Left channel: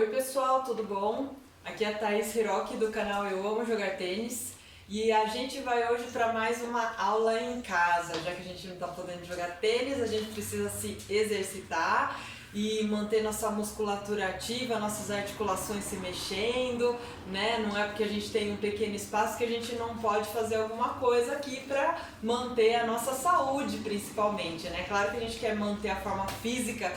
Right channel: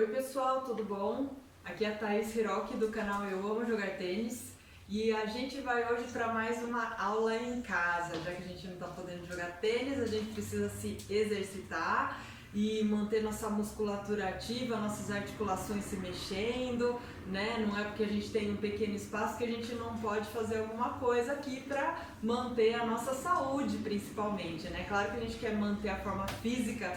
Oi pessoal, tudo bom? Aqui é a Thaís Hiroki do canal Eu Amo Jogar Tênis e a gente vai hoje para mais uma aula em casa. Já que a gente não está podendo jogar tênis, a gente precisa se exercitar e manter nossa musculatura ativa, nossas articulações se mexendo, né? Não é porque a gente tem um pequeno espaço que a gente não pode fazer alguma coisa aqui para manter a nossa saúde, principalmente, né? Claro que a gente quer manter a forma física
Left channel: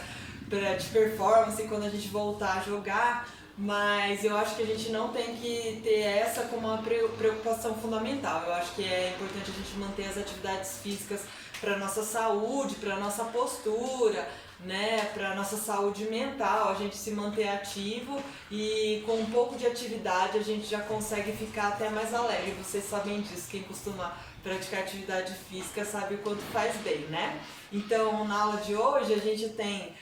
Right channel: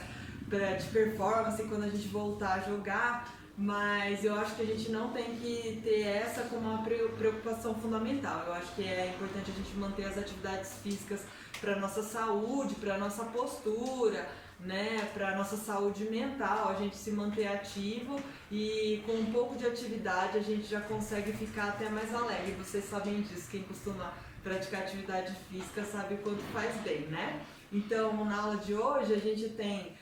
de performance quando a gente voltar a jogar, mas eu acho que a gente não tem que ter essa como uma preocupação fundamental. Eu acho que é importante a gente manter as atividades físicas para nossa saúde, para nossa postura, né, para nossa saúde mental, a gente se manter ativo e com um pouco de atividade a gente já consegue ficar até mais alegre. Vocês sabem disso, quem costuma praticar atividade física sabe o quanto faz bem, né? Então, na aula de hoje a gente tem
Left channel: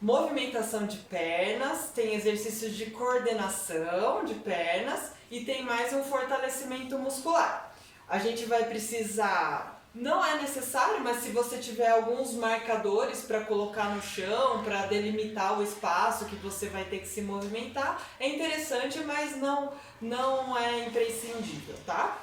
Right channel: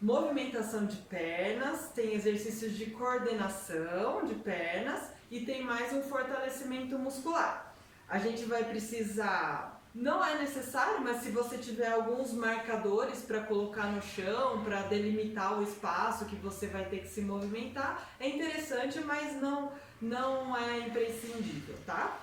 movimentação de pernas, tem exercícios de coordenação de pernas e tem mais um fortalecimento muscular. A gente vai precisar, não é necessário, mas se você tiver alguns marcadores para colocar no chão, para delimitar o espaço que você vai ter que se movimentar, é interessante, mas não é imprescindível, tá?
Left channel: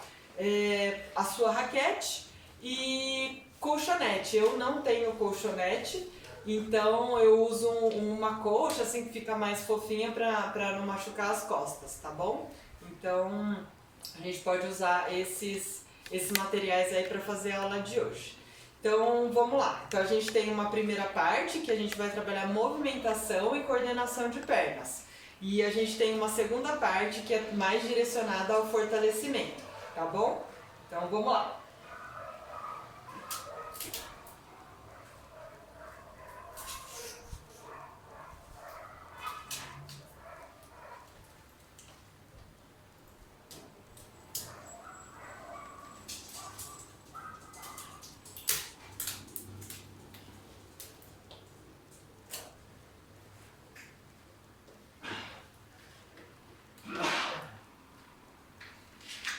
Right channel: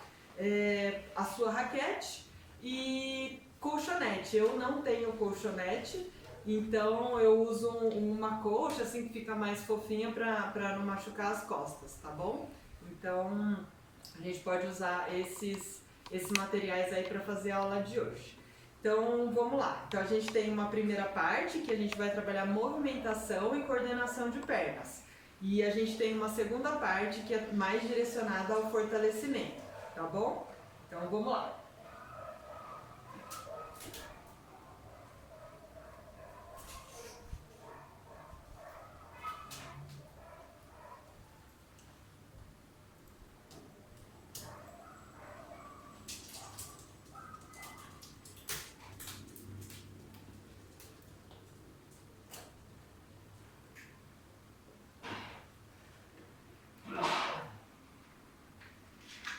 A sua raquete e colchonete. Eu não tenho colchonete, então eu uso uma colcha assim que fica mais fofinha para não machucar as costas, tá bom? Então a gente pode usar esses materiais aí para fazer a aula de hoje. Então vamos lá. Então a gente tem uma primeira parte que a gente vai trabalhar movimentação e coordenação de pernas. E a gente tem uma segunda parte que é mais direcionada ao fortalecimento, tá bom? Então vamos lá.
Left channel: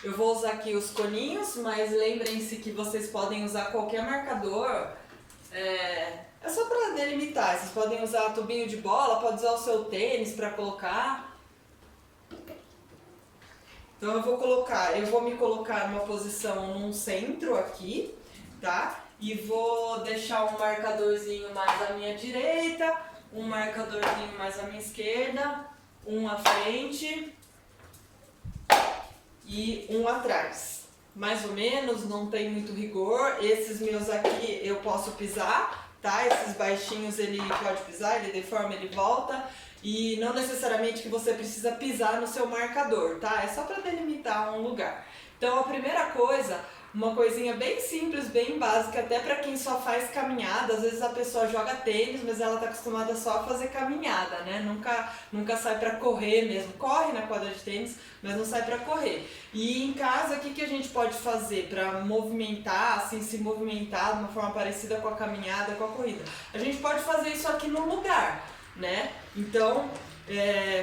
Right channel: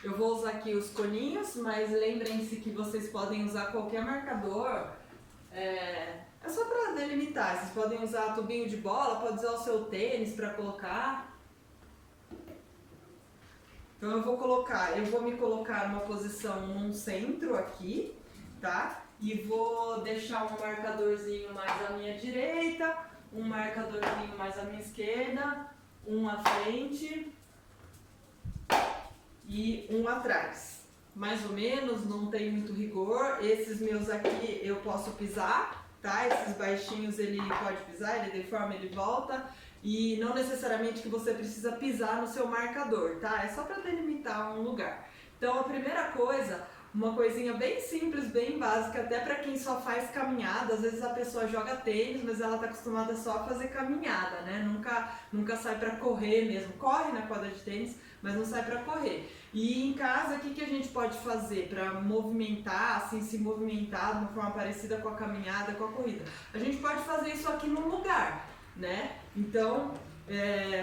Eu vou usar aqui os coninhos, mas lembrem-se que vocês podem usar qualquer marcador, é só para delimitar. Vocês podem usar tubinho de bola, pode usar o seu tênis para colocar. Então eu vou me colocar numa posição no centro aqui, tá? E vou deixar um marcadorzinho mais à minha direita, um marcadorzinho mais à minha esquerda, um à frente e um atrás. Mais ou menos, não tem muito rigor. Esses meus aqui eu posso pisar, tá? Esses baixinhos ele pode pisar, ele deforma, ele volta. E não necessariamente que você precisa pisar no seu marcador, tá? É só para delimitar um lugar. Então a primeira coisa, uma coisinha bem simples, bem básica, até para quem só faz caminhada. Às vezes a pessoa joga tênis, mas ela tá acostumada só a fazer caminhada, né? Nunca sai para correr mesmo. Corre na quadra de tênis, mas não sai para correr. E em casa, o que a gente pode fazer para movimentar, assim, se movimentar de uma forma parecida com a caminhada, com a corrida? A gente pode fazer isso aqui no lugar, né? Então,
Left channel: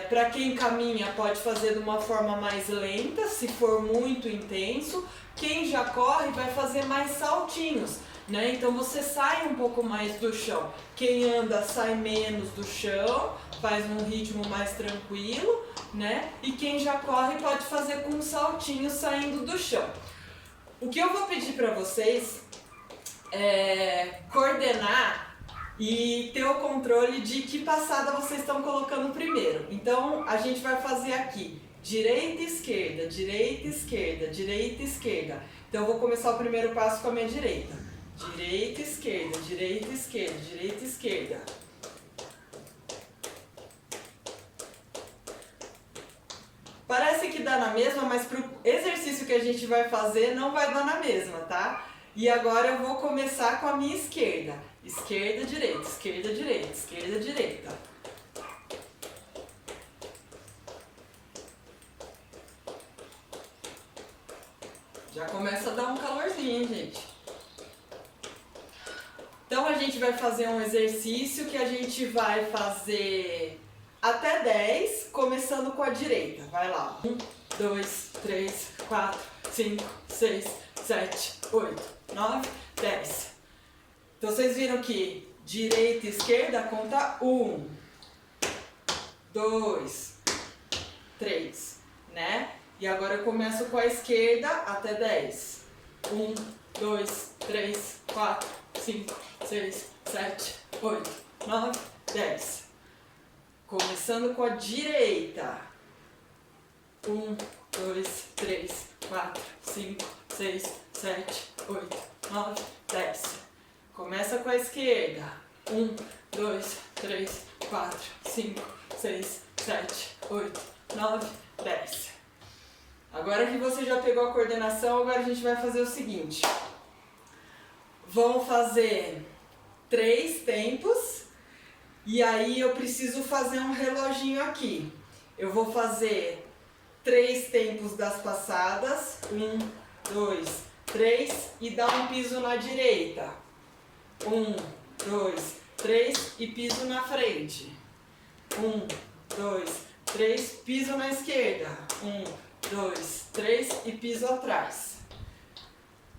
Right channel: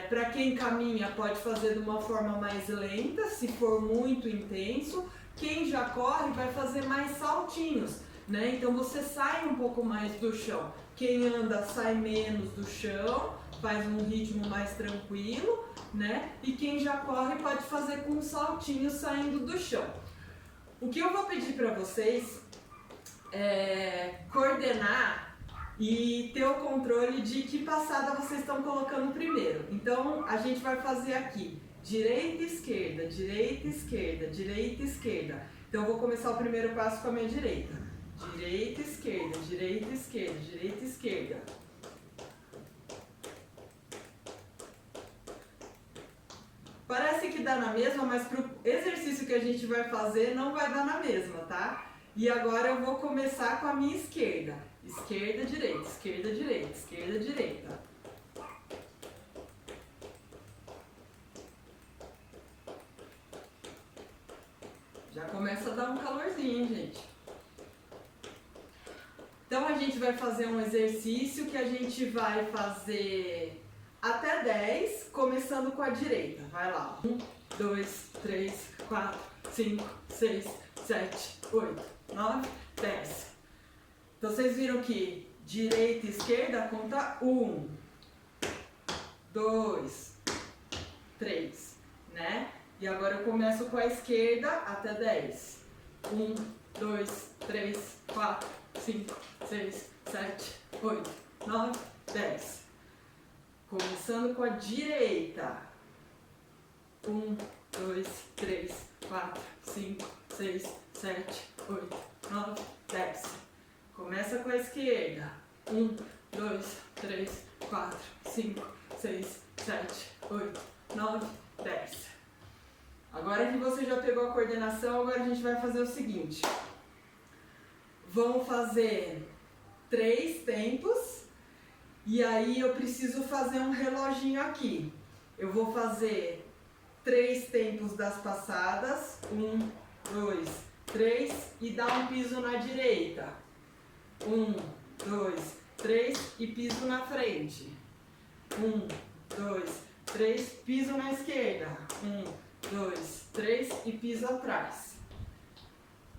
para quem caminha, pode fazer de uma forma mais lenta, se for muito intenso. Quem já corre vai fazer mais saltinhos, né? Então você sai um pouco mais do chão. Quem anda sai menos do chão, faz um ritmo mais tranquilo, né? E quem já corre pode fazer com um saltinho saindo do chão. O que eu vou pedir para vocês é coordenar e ter o controle de que passada vocês estão colocando primeiro. Então a gente vai fazer aqui direita, esquerda, direita, esquerda, direita, esquerda. Então eu vou começar o primeiro passo com a minha direita. Direita, esquerda, direita, esquerda, direita, esquerda. Parece que dá na mesma, mas pro exercício que a gente vai fazer não vai dar na mesma, tá? E agora eu vou começar com a minha esquerda. Esquerda, direita, esquerda, direita, esquerda, direita. Já começa a dar um calorzinho, hein, gente? Então a gente vai fazer um exercício que a gente vai fazer até 10, começando com a direita. Vai lá. 1, 2, 3, 4, 5, 6, 7, 8, 9, 10. Então vocês viram que direita e esquerda conta 1, 2, 3, né? E agora eu começo com a esquerda até 10. 1, 2, 3, 4, 5, 6, 7, 8, 9, 10. Começando com a direita. 1, 2, 3, 4, 5, 6, 7, 8, 9, 10. Começa com a esquerda. 1, 2, 3, 4, 5, 6, 7, 8, 9, 10. Agora que você já pegou a coordenação, agora a gente vai fazer o seguinte. Vamos fazer 3 tempos e aí eu preciso fazer um reloginho aqui. Eu vou fazer 3 tempos das passadas, 1, 2, 3 e dar um piso na direita. 1, 2, 3 e piso na frente. 1, 2, 3, piso na esquerda. 1, 2, 3 e piso atrás.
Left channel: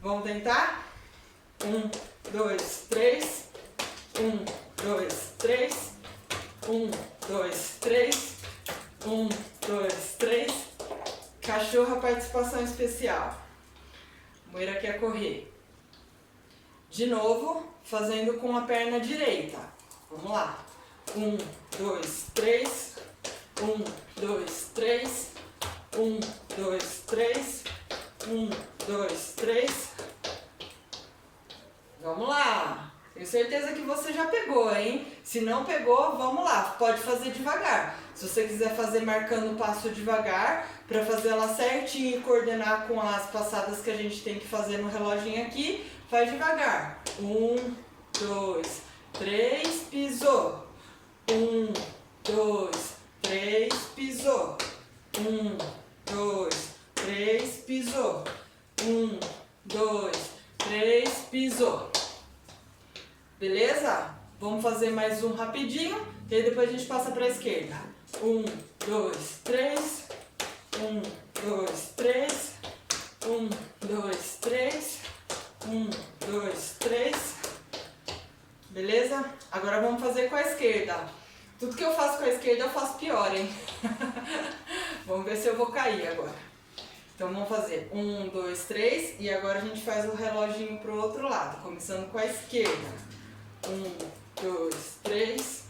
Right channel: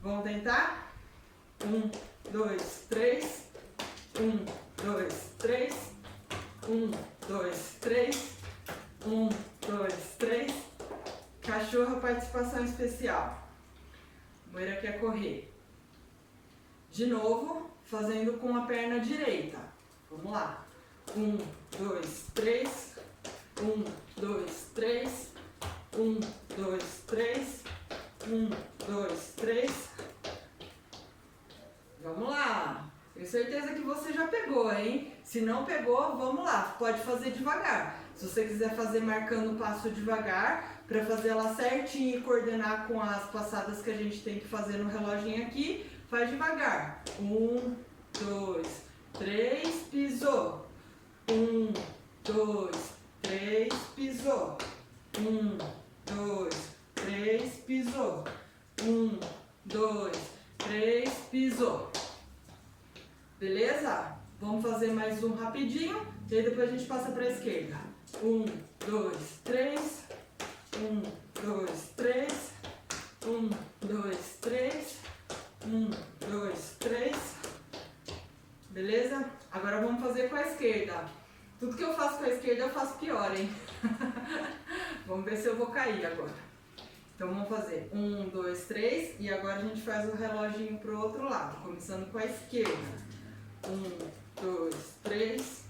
Vamos tentar? 1, 2, 3. 1, 2, 3. 1, 2, 3. 1, 2, 3. Cachorro, participação especial. Moira quer correr. De novo, fazendo com a perna direita. Vamos lá. 1, 2, 3. 1, 2, 3. 1, 2, 3. 1, 2, 3. Vamos lá. Tenho certeza que você já pegou, hein? Se não pegou, vamos lá. Pode fazer devagar. Se você quiser fazer marcando o passo devagar, para fazer ela certinho e coordenar com as passadas que a gente tem que fazer no reloginho aqui, faz devagar. 1, 2, 3, pisou. 1, 2, 3, pisou. 1, 2, 3, pisou. 1, 2, 3, pisou. Beleza? Vamos fazer mais um rapidinho, e aí depois a gente passa para a esquerda. 1, 2, 3. 1, 2, 3. 1, 2, 3. 1, 2, 3. Beleza? Agora vamos fazer com a esquerda. Tudo que eu faço com a esquerda eu faço pior, hein? Vamos ver se eu vou cair agora. Então vamos fazer 1, 2, 3 e agora a gente faz o reloginho pro outro lado, começando com a esquerda. 1, 2, 3.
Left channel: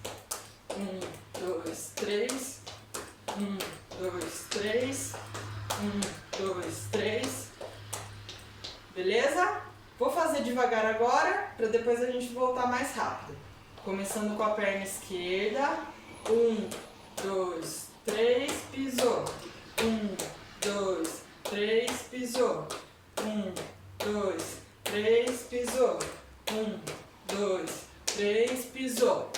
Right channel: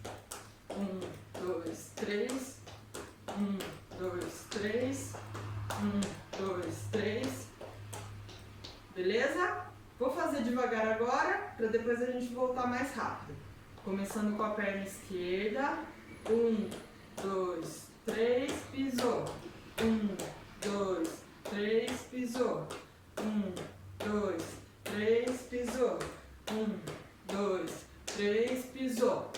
1, 2, 3. 1, 2, 3. 1, 2, 3. Beleza? Vou fazer devagar agora, para depois a gente voltar mais rápido. Começando com a perna esquerda. 1, 2, 3, pisou. 1, 2, 3, pisou. 1, 2, 3, pisou. 1, 2, 3, pisou.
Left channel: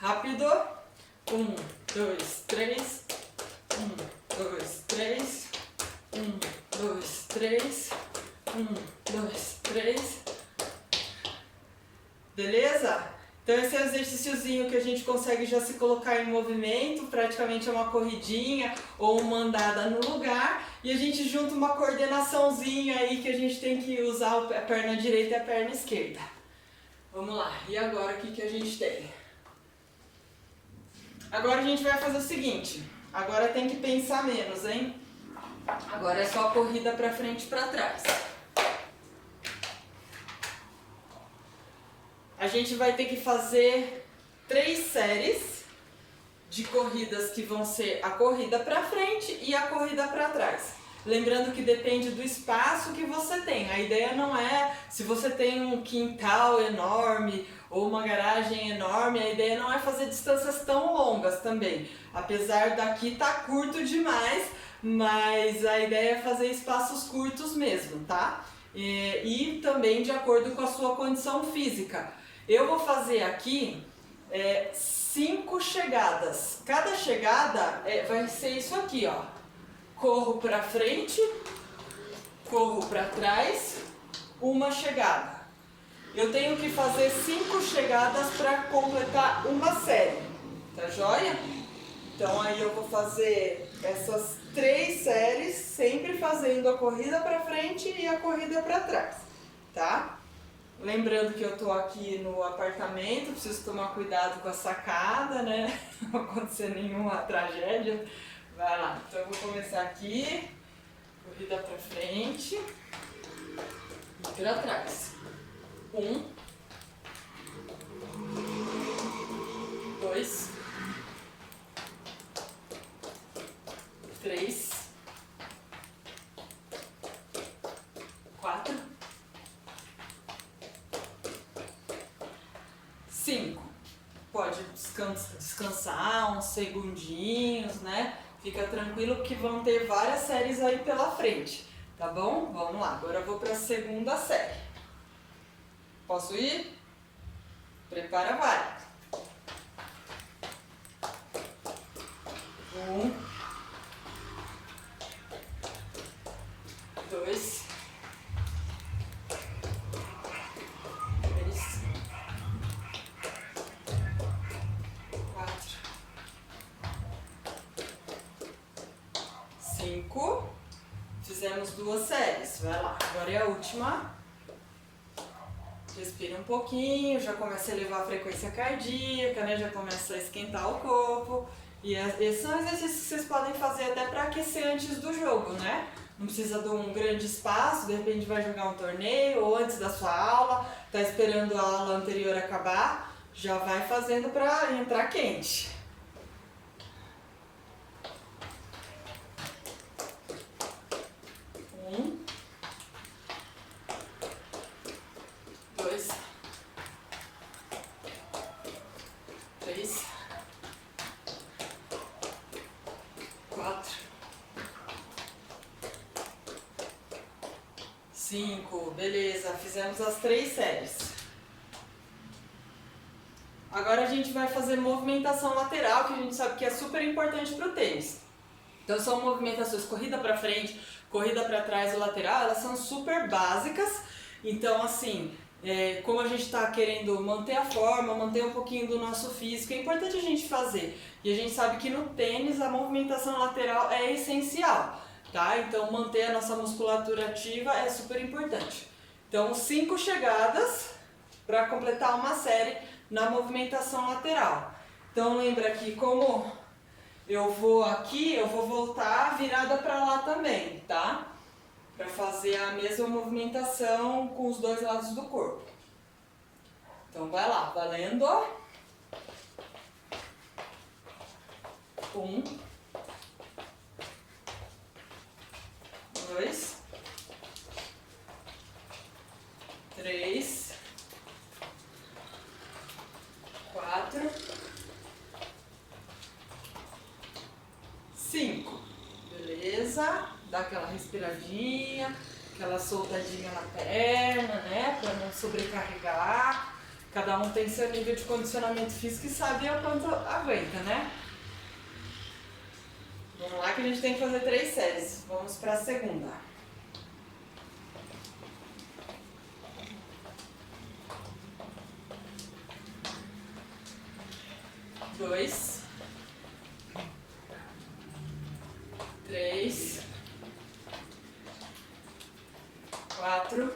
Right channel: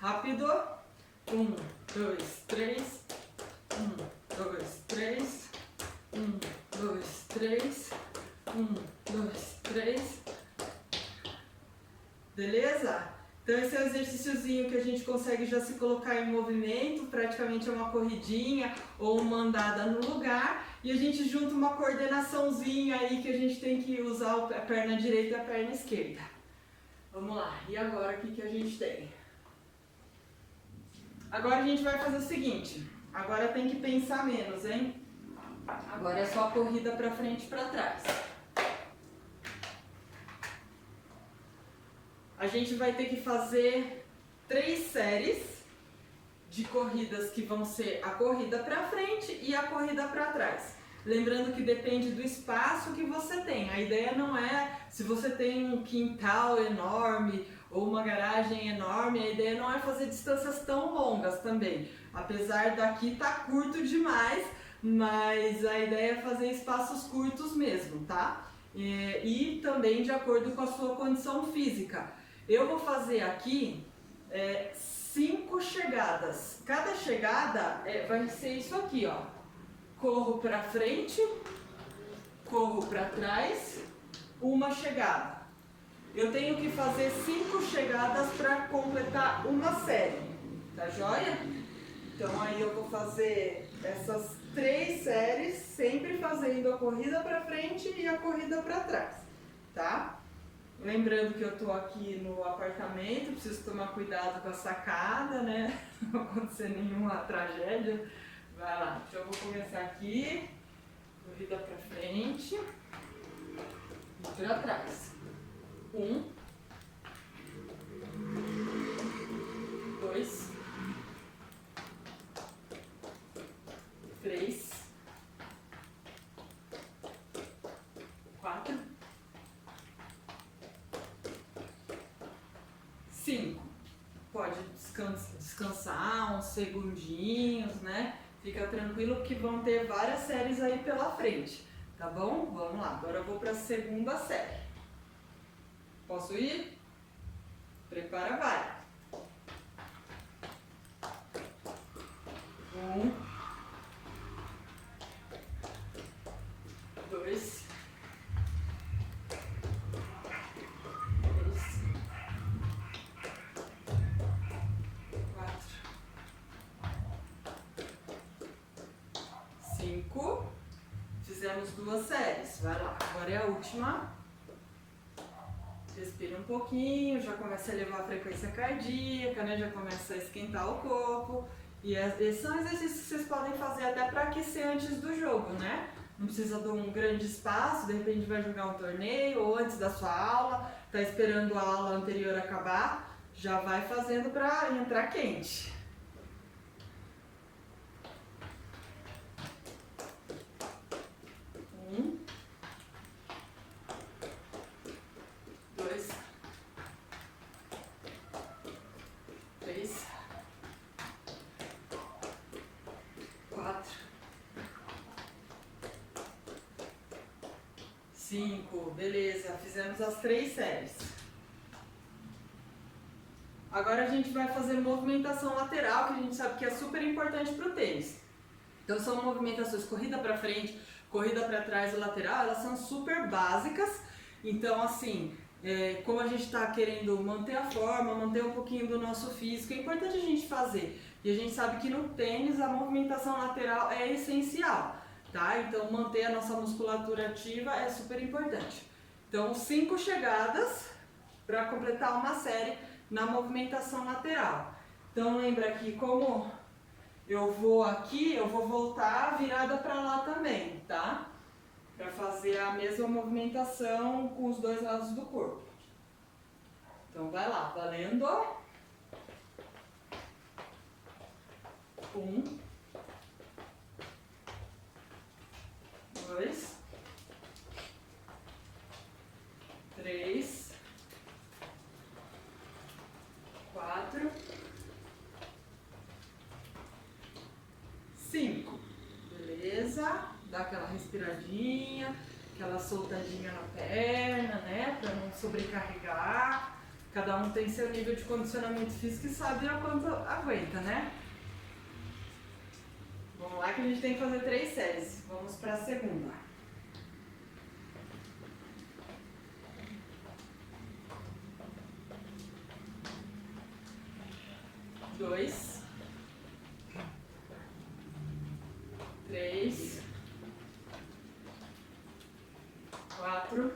Rápido. 1, 2, 3. 1, 2, 3. 1, 2, 3. 1, 2, 3. Beleza? Então esse é o exercíciozinho que a gente consegue já se colocar em movimento, praticamente é uma corridinha ou uma andada no lugar, e a gente junta uma coordenaçãozinha aí que a gente tem que usar a perna direita e a perna esquerda. Vamos lá, e agora o que a gente tem? Agora a gente vai fazer o seguinte, agora tem que pensar menos, hein? Agora é só corrida pra frente e pra trás. A gente vai ter que fazer 3 séries de corridas que vão ser a corrida para frente e a corrida para trás. Lembrando que depende do espaço que você tem. A ideia não é, se você tem um quintal enorme ou uma garagem enorme, a ideia não é fazer distâncias tão longas também. Apesar daqui tá curto demais, mas a ideia é fazer espaços curtos mesmo, tá? E também de acordo com a sua condição física. Eu vou fazer aqui 5 chegadas. Cada chegada vai ser isso aqui, ó. Corro pra frente, corro pra trás, uma chegada. Eu tenho que fazer 5 chegadas para completar uma série, tá joia? Então aí eu vou fazer essas 3 séries, sempre fazendo a corrida pra frente e a corrida pra trás, tá? Lembrando que eu tô aqui no apartamento, preciso tomar cuidado com a sacada, né? Não acontecer nenhuma tragédia. Vai lá, então eu vou começar aqui, corrida pra frente e pra trás. 1, 2, 3, 4, 5. Pode descansar uns segundinhos, né? Fica tranquilo que vão ter várias séries aí pela frente, tá bom? Vamos lá, agora eu vou para a segunda série. Posso ir? Prepara, vai. 1, 2, 3, 4, 5. Fizemos 2 séries. Vai lá, agora é a última. Respira um pouquinho, já começa a elevar a frequência cardíaca, né? Já começa a esquentar o corpo. E esses são exercícios que vocês podem fazer até para aquecer antes do jogo, né? Não precisa de um grande espaço, de repente vai jogar um torneio ou antes da sua aula, tá esperando a aula anterior acabar, já vai fazendo para entrar quente. 1, 2, 3, 4, 5. Beleza, fizemos as 3 séries. Agora a gente vai fazer movimentação lateral, que a gente sabe que é super importante para o tênis. Então são movimentações corrida para frente, corrida para trás e lateral, elas são super básicas. Então assim, como a gente está querendo manter a forma, manter um pouquinho do nosso físico, é importante a gente fazer. E a gente sabe que no tênis a movimentação lateral é essencial, tá? Então manter a nossa musculatura ativa é super importante. Então 5 chegadas para completar uma série na movimentação lateral. Então lembra que como eu vou aqui, eu vou voltar virada para lá também, tá? Para fazer a mesma movimentação com os 2 lados do corpo. Então vai lá, valendo. 1, 2, 3, 4, 5. Beleza? Dá aquela respiradinha, aquela soltadinha na perna, né? Para não sobrecarregar. Cada um tem seu nível de condicionamento físico e sabe o quanto aguenta, né? Vamos lá que a gente tem que fazer 3 séries. Vamos para a segunda. 2, 3, 4,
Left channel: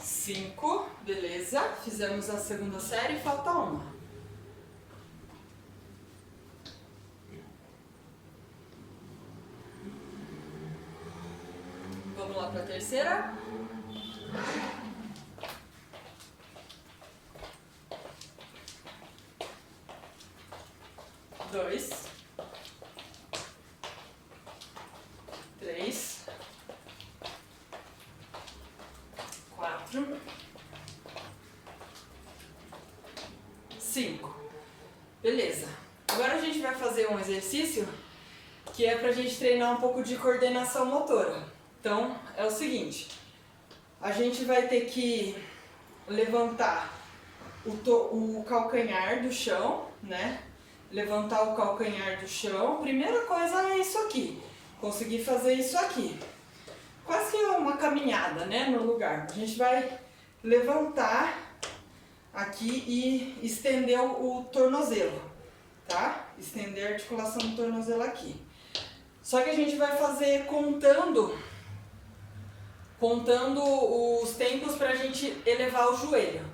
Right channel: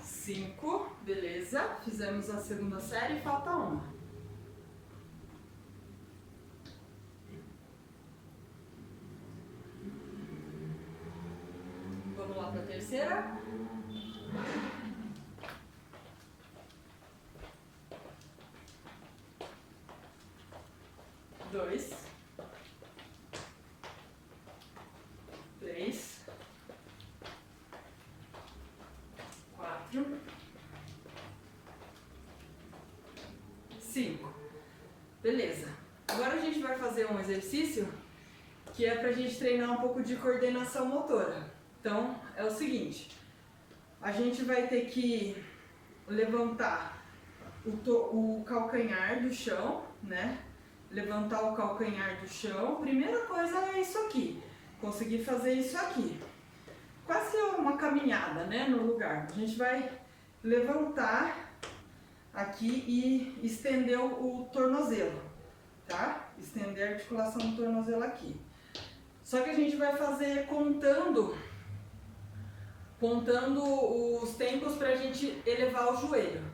5. Beleza? Fizemos a segunda série e falta uma. Vamos lá para a terceira. 2, 3, 4, 5. Beleza. Agora a gente vai fazer um exercício que é pra gente treinar um pouco de coordenação motora. Então, é o seguinte, a gente vai ter que levantar o calcanhar do chão, né? Levantar o calcanhar do chão. Primeira coisa é isso aqui, conseguir fazer isso aqui. Quase que uma caminhada, né, no lugar. A gente vai levantar aqui e estender o tornozelo, tá? Estender a articulação do tornozelo aqui. Só que a gente vai fazer contando contando os tempos para a gente elevar o joelho.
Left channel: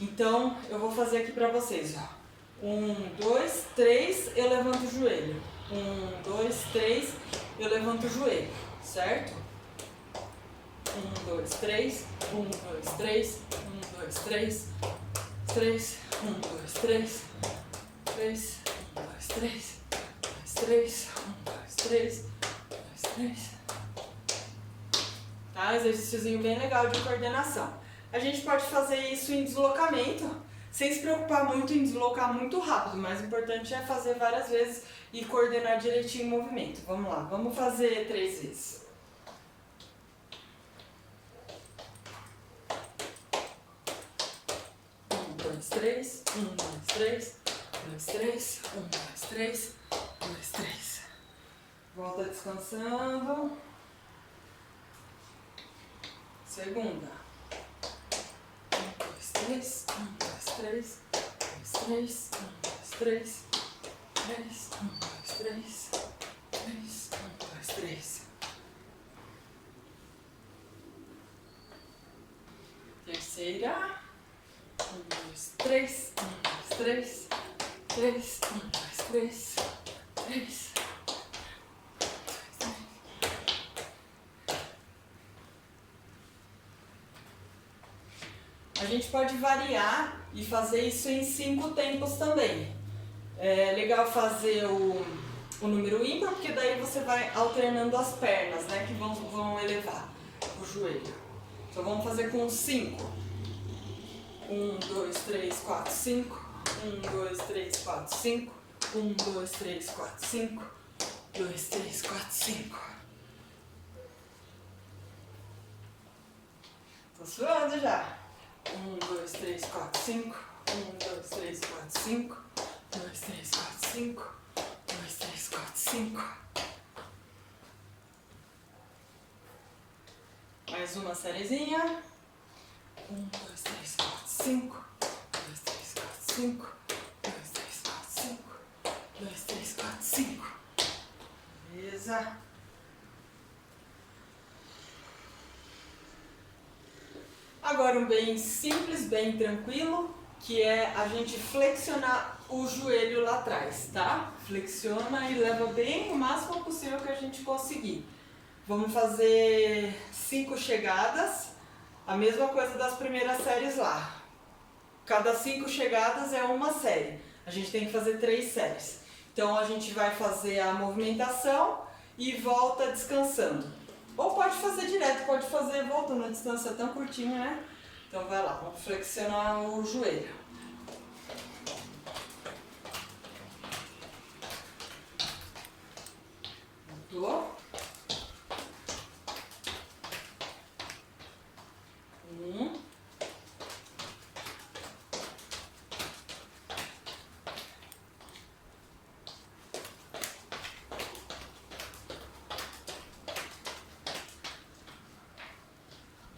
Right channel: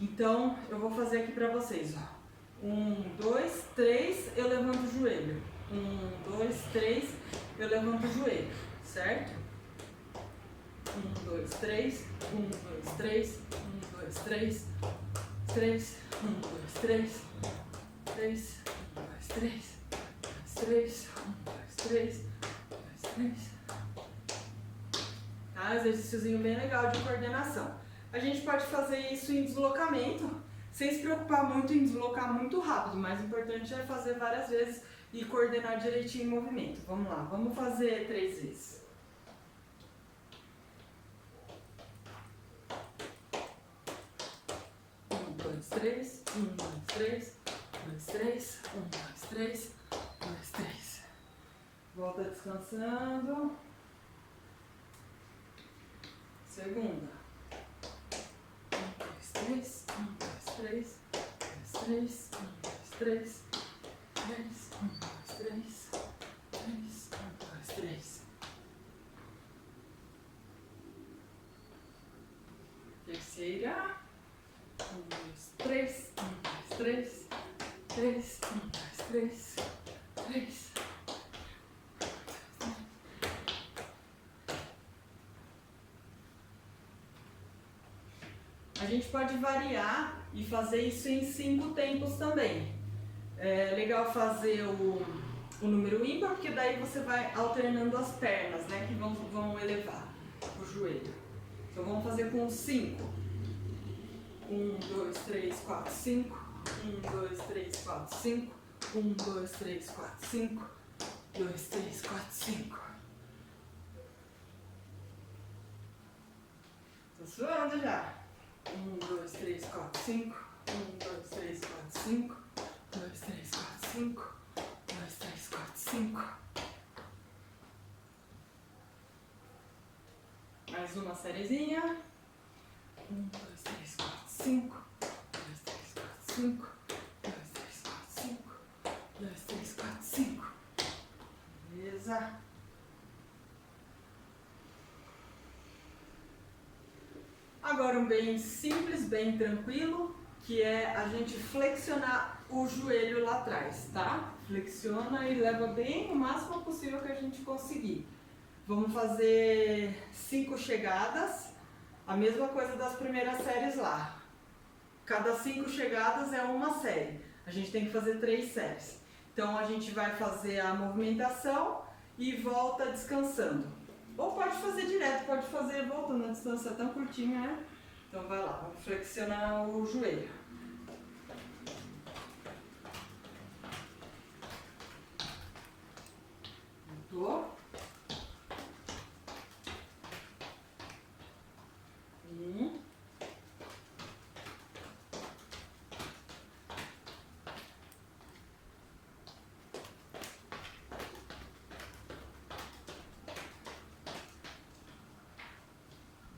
Então, eu vou fazer aqui para vocês, ó. 1, 2, 3, eu levanto o joelho. 1, 2, 3, eu levanto o joelho, certo? 1, 2, 3, 1, 2, 3, 1, 2, 3, 3, 1, 2, 3, 3, 1, 2, 3, 3, 1, 2, 3, 2, 3. Tá? Exercíciozinho bem legal de coordenação. A gente pode fazer isso em deslocamento, sem se preocupar muito em deslocar muito rápido, mas o importante é fazer várias vezes e coordenar direitinho o movimento. Vamos lá, vamos fazer 3 vezes. 1, 2, 3, 1, 2, 3, 2, 3, 1, 2, 3, 2, 3. Volta descansando. Segunda. 1, 2, 3, 1, 2, 3, 2, 3, 1, 2, 3, 3, 1, 2, 3, 3, 1, 2, 3. Terceira. 1, 2, 3, 1, 2, 3, 3, 1, 2, 3, 3. A gente pode variar e fazer isso em 5 tempos também. É legal fazer o número ímpar, porque daí você vai alternando as pernas, né, que vão elevar o joelho. Então vamos fazer com 5. 1, 2, 3, 4, 5. 1, 2, 3, 4, 5. 1, 2, 3, 4, 5. 2, 3, 4, 5. Tô suando já. 1, 2, 3, 4, 5. 1, 2, 3, 4, 5. 2, 3, 4, 5. 2, 3, 4, 5. Mais uma sériezinha. 1, 2, 3, 4, 5. 2, 3, 4, 5. 2, 3, 4, 5. 2, 3, 4, 5. Beleza. Agora um bem simples, bem tranquilo, que é a gente flexionar o joelho lá atrás, tá? Flexiona e leva bem o máximo possível que a gente conseguir. Vamos fazer 5 chegadas, a mesma coisa das primeiras séries lá. Cada 5 chegadas é uma série. A gente tem que fazer 3 séries. Então a gente vai fazer a movimentação e volta descansando. Ou pode fazer direto, pode fazer voltando, a distância é tão curtinha, né? Então vai lá, vamos flexionar o joelho. Voltou. 1.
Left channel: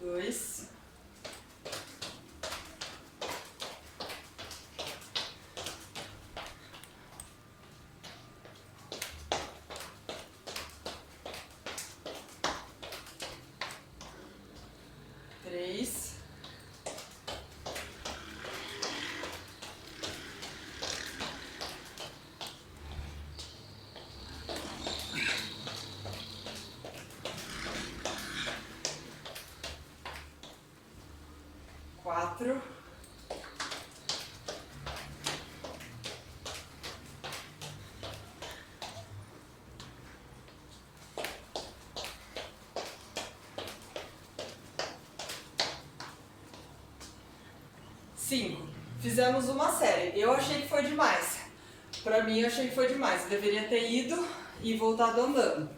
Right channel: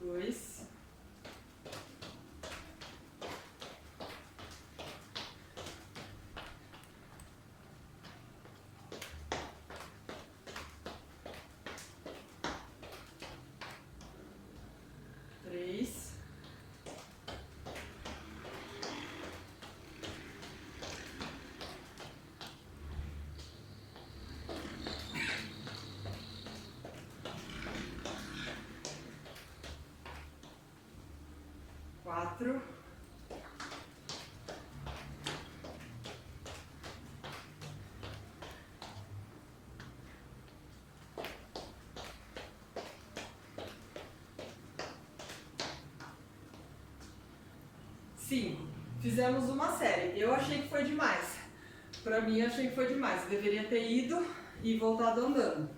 2. 3. 4. 5. Fizemos uma série. Eu achei que foi demais. Pra mim, eu achei que foi demais. Eu deveria ter ido e voltado andando.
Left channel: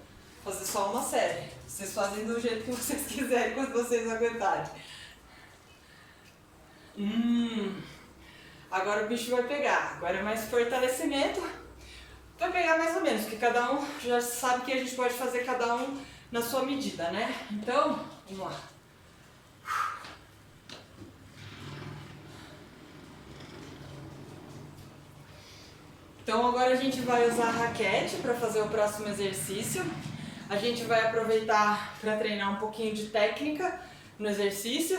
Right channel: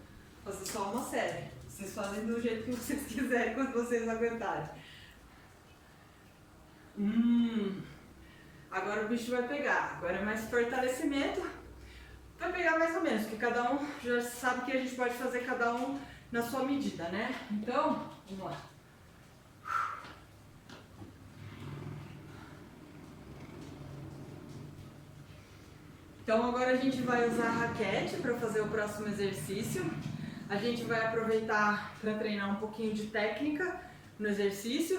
Fazer só uma série. Vocês fazem do jeito que vocês quiserem, quando vocês aguentarem. Agora o bicho vai pegar. Agora é mais fortalecimento. Vai pegar mais ou menos, porque cada um já sabe que a gente pode fazer cada um na sua medida, né? Então, vamos lá. Então agora a gente vai usar a raquete para fazer o próximo exercício. A gente vai aproveitar para treinar um pouquinho de técnica, no exercício.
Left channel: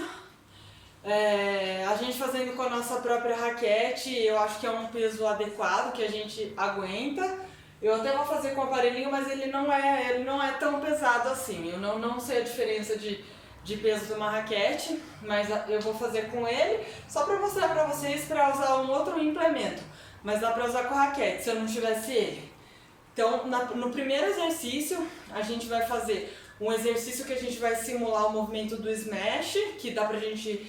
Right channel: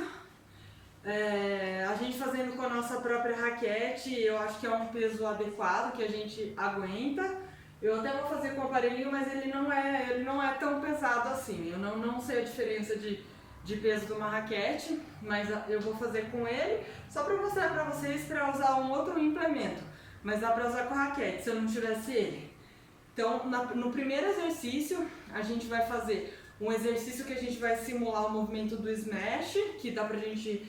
A gente fazendo com a nossa própria raquete, eu acho que é um peso adequado, que a gente aguenta. Eu até vou fazer com o aparelhinho, mas ele não é tão pesado assim. Eu não sei a diferença de peso de uma raquete, mas eu vou fazer com ele, só para mostrar para vocês para usar um outro implemento. Mas dá para usar com a raquete, se eu não tivesse ele. Então, no primeiro exercício, a gente vai fazer um exercício que a gente vai simular o movimento do smash, que dá pra gente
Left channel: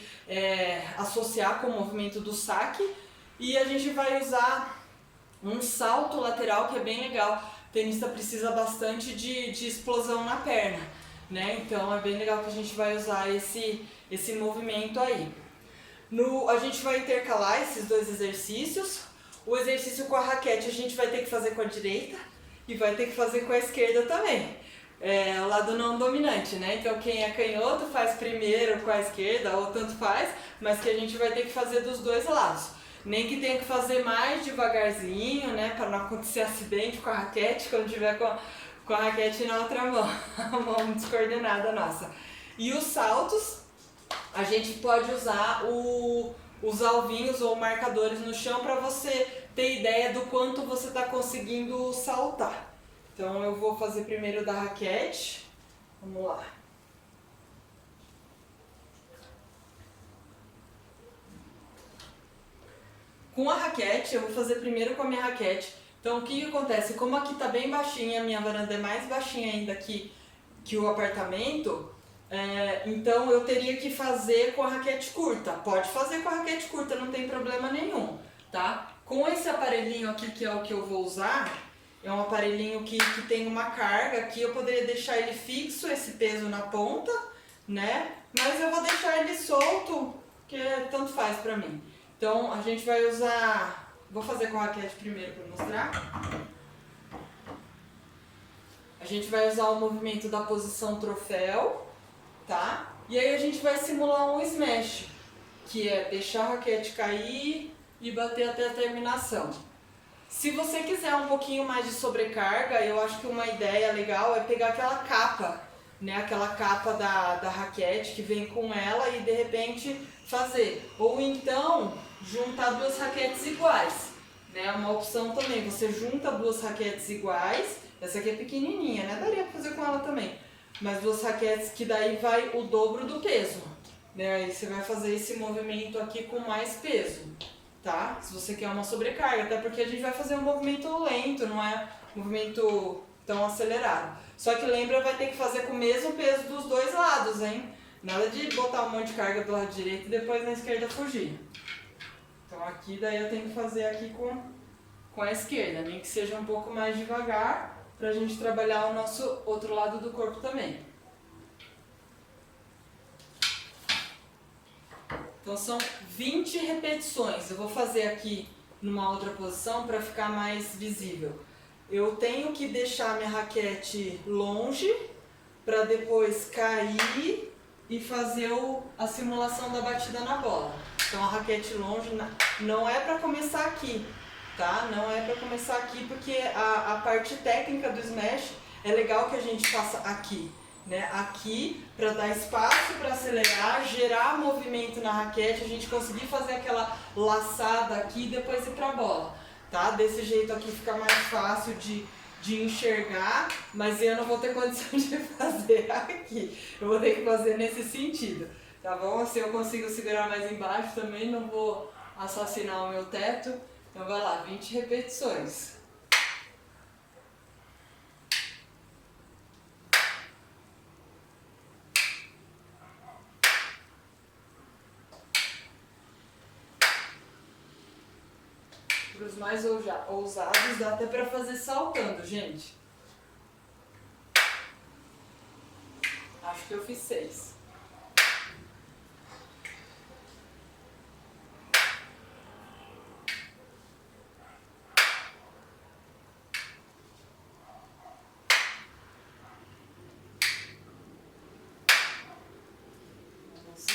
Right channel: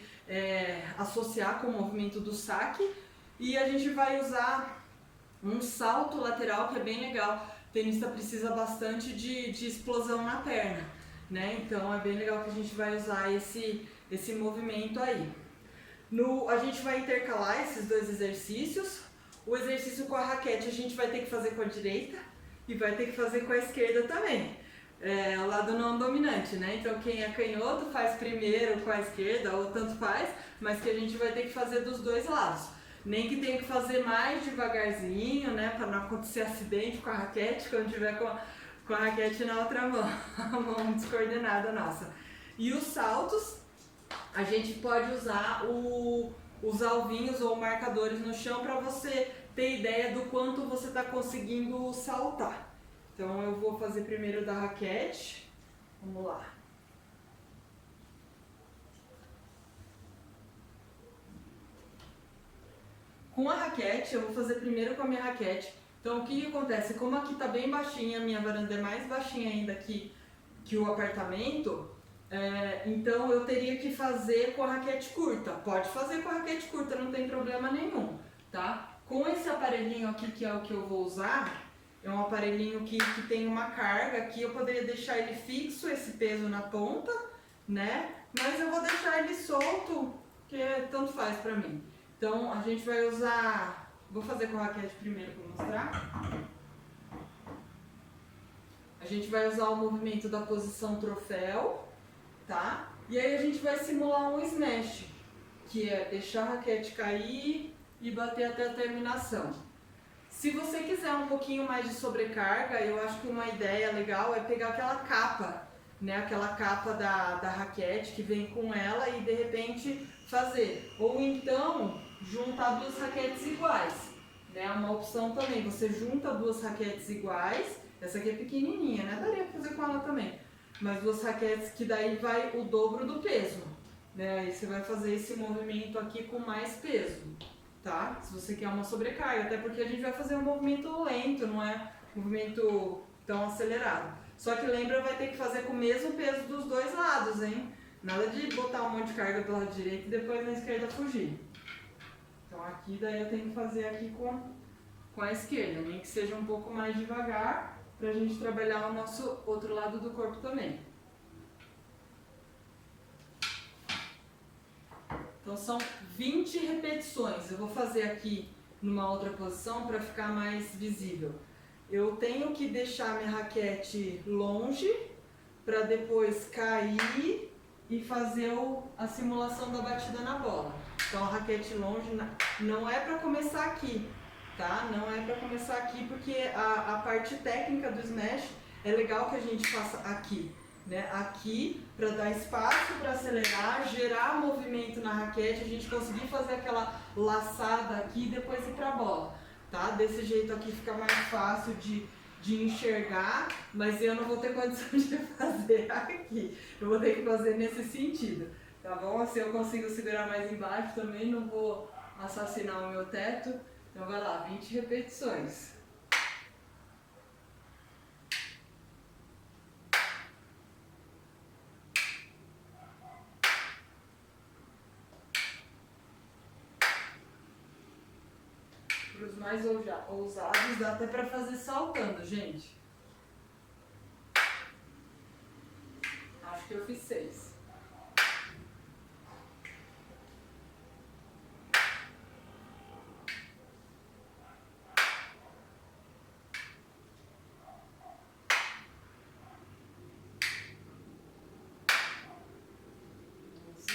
associar com o movimento do saque. E a gente vai usar um salto lateral, que é bem legal. O tenista precisa bastante de explosão na perna, né? Então é bem legal que a gente vai usar esse movimento aí. A gente vai intercalar esses dois exercícios. O exercício com a raquete a gente vai ter que fazer com a direita e vai ter que fazer com a esquerda também. O lado não dominante, né? Então quem é canhoto faz primeiro com a esquerda ou tanto faz, mas que a gente vai ter que fazer dos dois lados. Nem que tenha que fazer mais devagarzinho, né? Para não acontecer acidente com a raquete quando tiver com a raquete na outra mão, a mão descoordenada nossa. E os saltos, a gente pode usar os alvinhos ou marcadores no chão para você ter ideia do quanto você está conseguindo saltar. Então eu vou fazer primeiro da raquete. Vamos lá. Com a raquete, eu vou fazer primeiro com a minha raquete. Então o que acontece? Como aqui tá bem baixinha, a minha varanda é mais baixinha ainda que o apartamento, então eu teria que fazer com a raquete curta. Pode fazer com a raquete curta, não tem problema nenhum, tá? Com esse aparelhinho aqui, que é o que eu vou usar, é um aparelhinho que tem uma carga aqui, eu poderia deixar ele fixo, esse peso na ponta, né? Mas eu vou deixar ele solto, que tanto faz pra mim. Então a gente vai usar, vou fazer com a raquete primeiro pra mostrar. A gente vai usar o movimento da posição troféu, tá? E aí a gente vai simular um smash, que é deixar a raquete cair e bater até a terminação. Se você quiser um pouquinho mais de sobrecarga, eu acho que uma ideia legal é pegar aquela capa, né? Aquela capa da raquete que vem com ela e de repente fazer. Ou então juntar duas raquetes iguais, né? É uma opção também. Você junta duas raquetes iguais, essa aqui é pequenininha, né? Daria pra fazer com ela também. Mas duas raquetes que daí vai o dobro do peso, né? Aí você vai fazer esse movimento aqui com mais peso. Tá? Se você quer uma sobrecarga, até porque a gente vai fazer um movimento lento, não é um movimento tão acelerado. Só que lembra, vai ter que fazer com o mesmo peso dos dois lados, hein? Nada de botar um monte de carga do lado direito e depois na esquerda fugir. Então aqui daí eu tenho que fazer aqui com a esquerda, nem que seja um pouco mais devagar, pra gente trabalhar o nosso outro lado do corpo também. Então são 20 repetições. Eu vou fazer aqui numa outra posição para ficar mais visível. Eu tenho que deixar minha raquete longe para depois cair e fazer a simulação da batida na bola. Então a raquete longe não é para começar aqui, tá? Não é para começar aqui porque a parte técnica do smash é legal que a gente faça aqui. Né? Aqui, para dar espaço para acelerar, gerar movimento na raquete, a gente conseguir fazer aquela laçada aqui e depois ir para a bola, tá? Desse jeito aqui fica mais fácil de enxergar, mas eu não vou ter condição de fazer aqui, eu vou ter que fazer nesse sentido, tá bom? Assim eu consigo segurar mais embaixo também, não vou assassinar o meu teto. Então vai lá, 20 repetições. Para os mais ousados, dá até para fazer saltando, gente. Acho que eu fiz 6.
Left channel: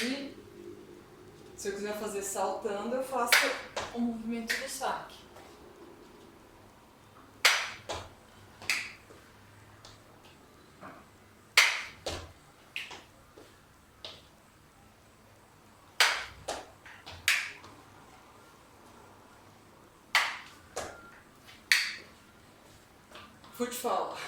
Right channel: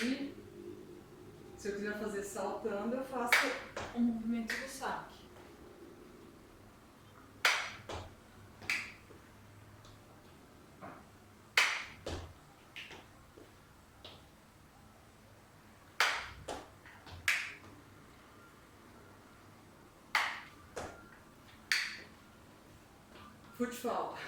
E se eu quiser fazer saltando, eu faço o movimento do saque. Escute fala.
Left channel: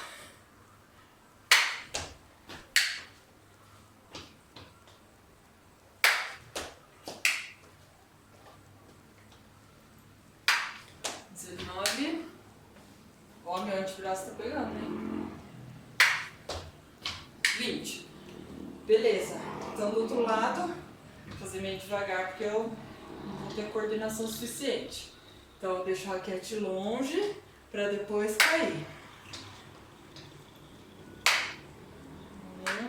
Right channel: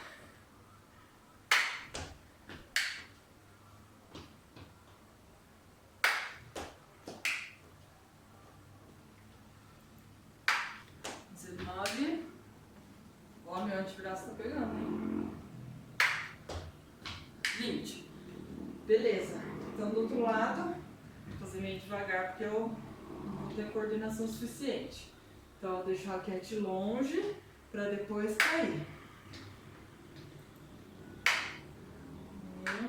Ó, meu antebraço tá pegando, hein? 20. Beleza. Então do outro lado, vou fazer meio devagar porque eu não vou ter coordenação suficiente. Então eu deixo a raquete longe pra depois cair. 1,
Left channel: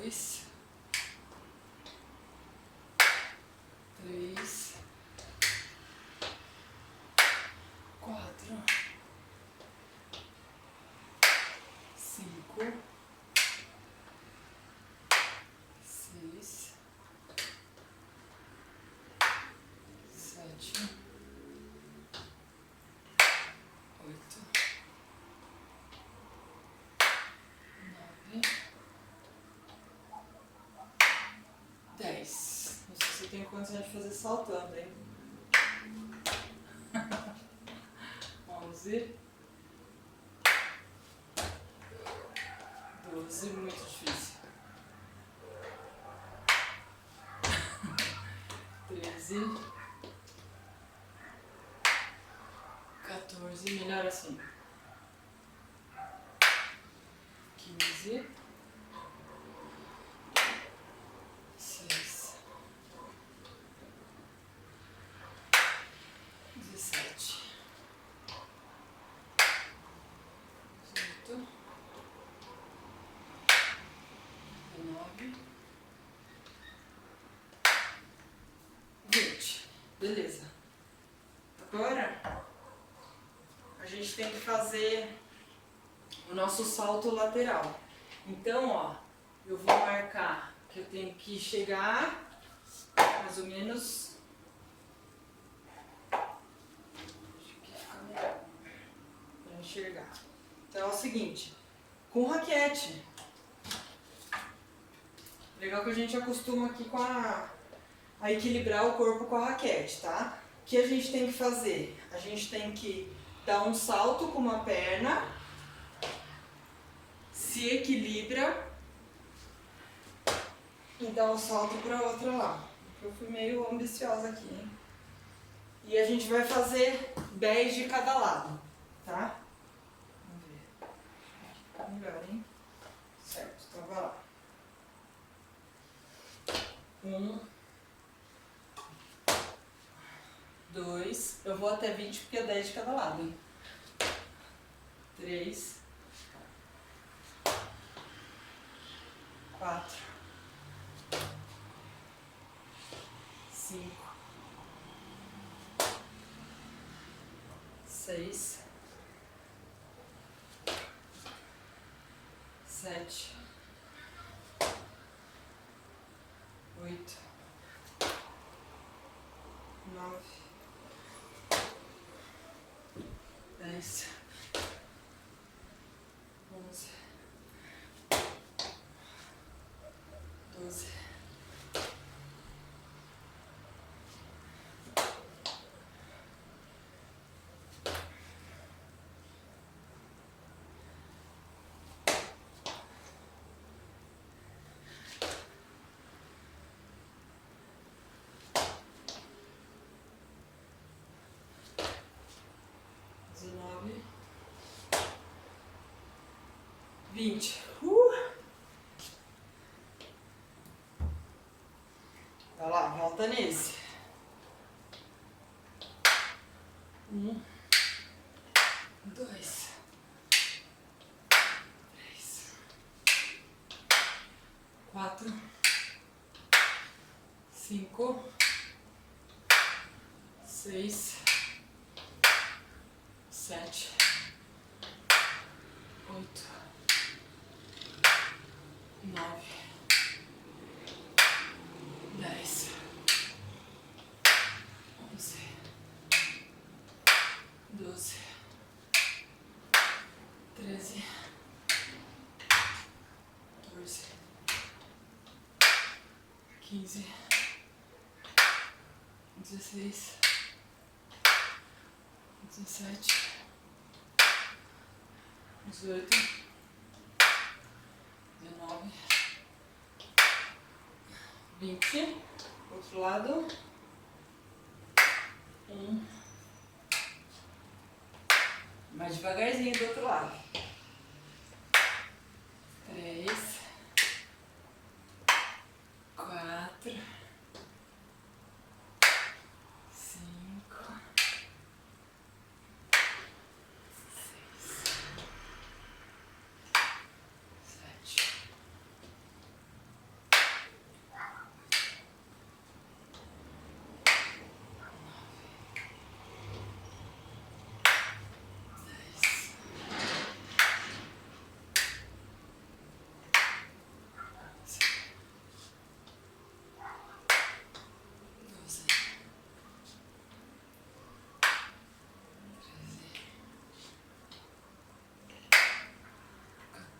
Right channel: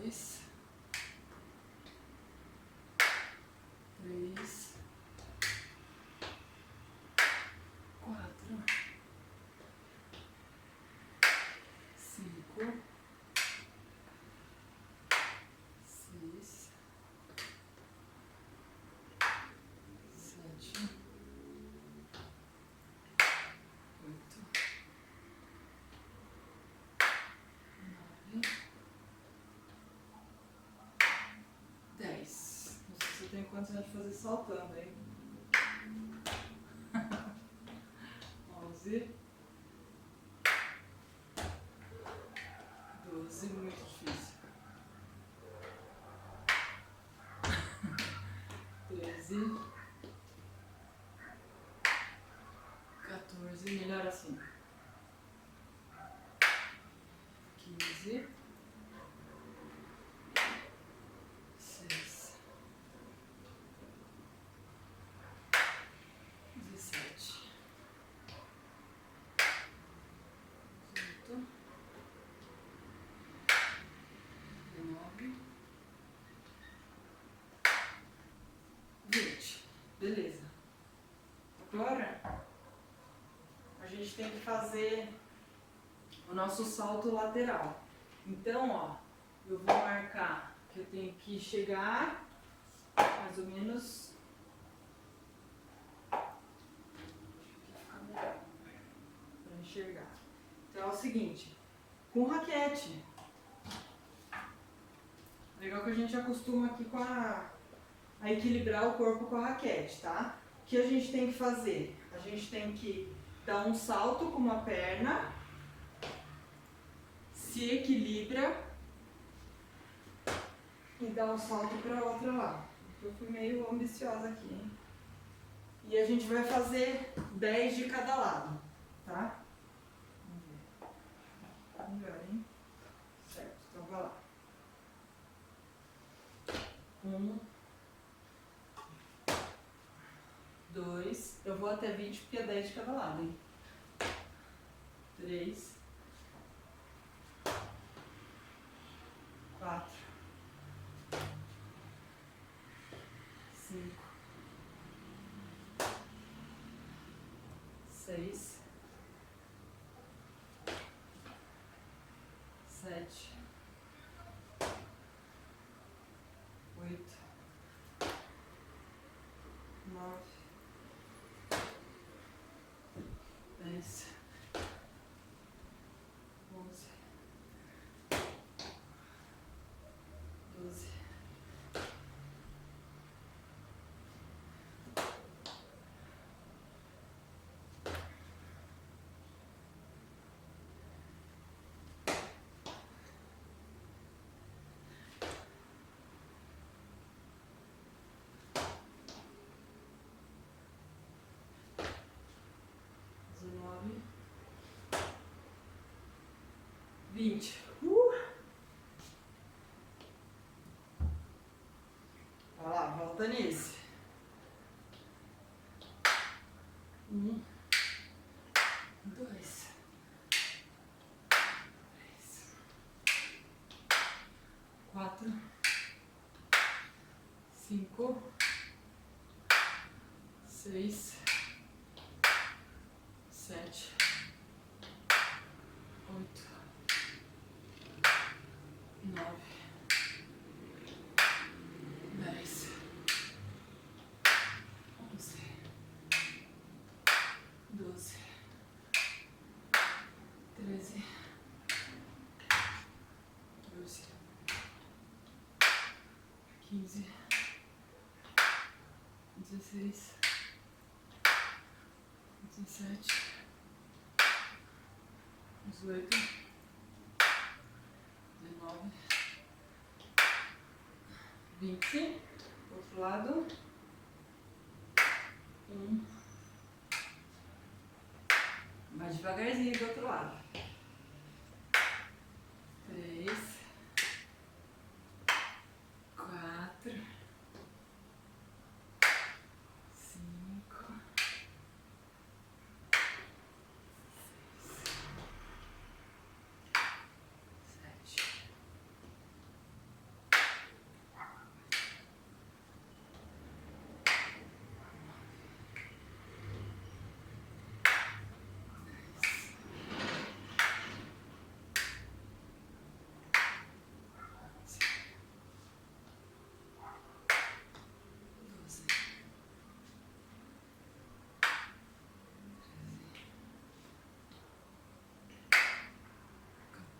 2, 3, 4, 5, 6, 7, 8, 9, 10. Não sei se eu tenho condição de fazer saltando, hein? 11, 12, muito difícil. 13, 14, melhor assim. 15, 16, 17, 18, 19, 20. Beleza. Agora a gente tem que fazer o nosso salto lateral. Então, ó, eu vou marcar que eu tenho que chegar mais ou menos. Acho que fica melhor para enxergar. Então é o seguinte, com raquete. Legal que a gente acostuma aqui com a equilibrar o corpo com a raquete, tá? O que a gente tem que fazer? A gente tem que dar um salto com uma perna, se equilibra e dá um salto para a outra lá. Eu fui meio ambiciosa aqui, hein? E a gente vai fazer 10 de cada lado, tá? Vamos ver. Tá melhor, hein? Certo, então vai lá. 1, 2, eu vou até 20 porque é 10 de cada lado, hein? 3, 4, 5, 6, 7, 8, 9, 10, 11, 12, 19, 20. Vai lá, volta nesse. 1, 2, 3, 4, 5, 6, 7, 8, 9, 10, 11, 12, 13, 14, 15, 16, 17, 18, 19, 20. Outro lado. 1. Mais devagarzinho do outro lado. 3, 4, 5, 6, 7,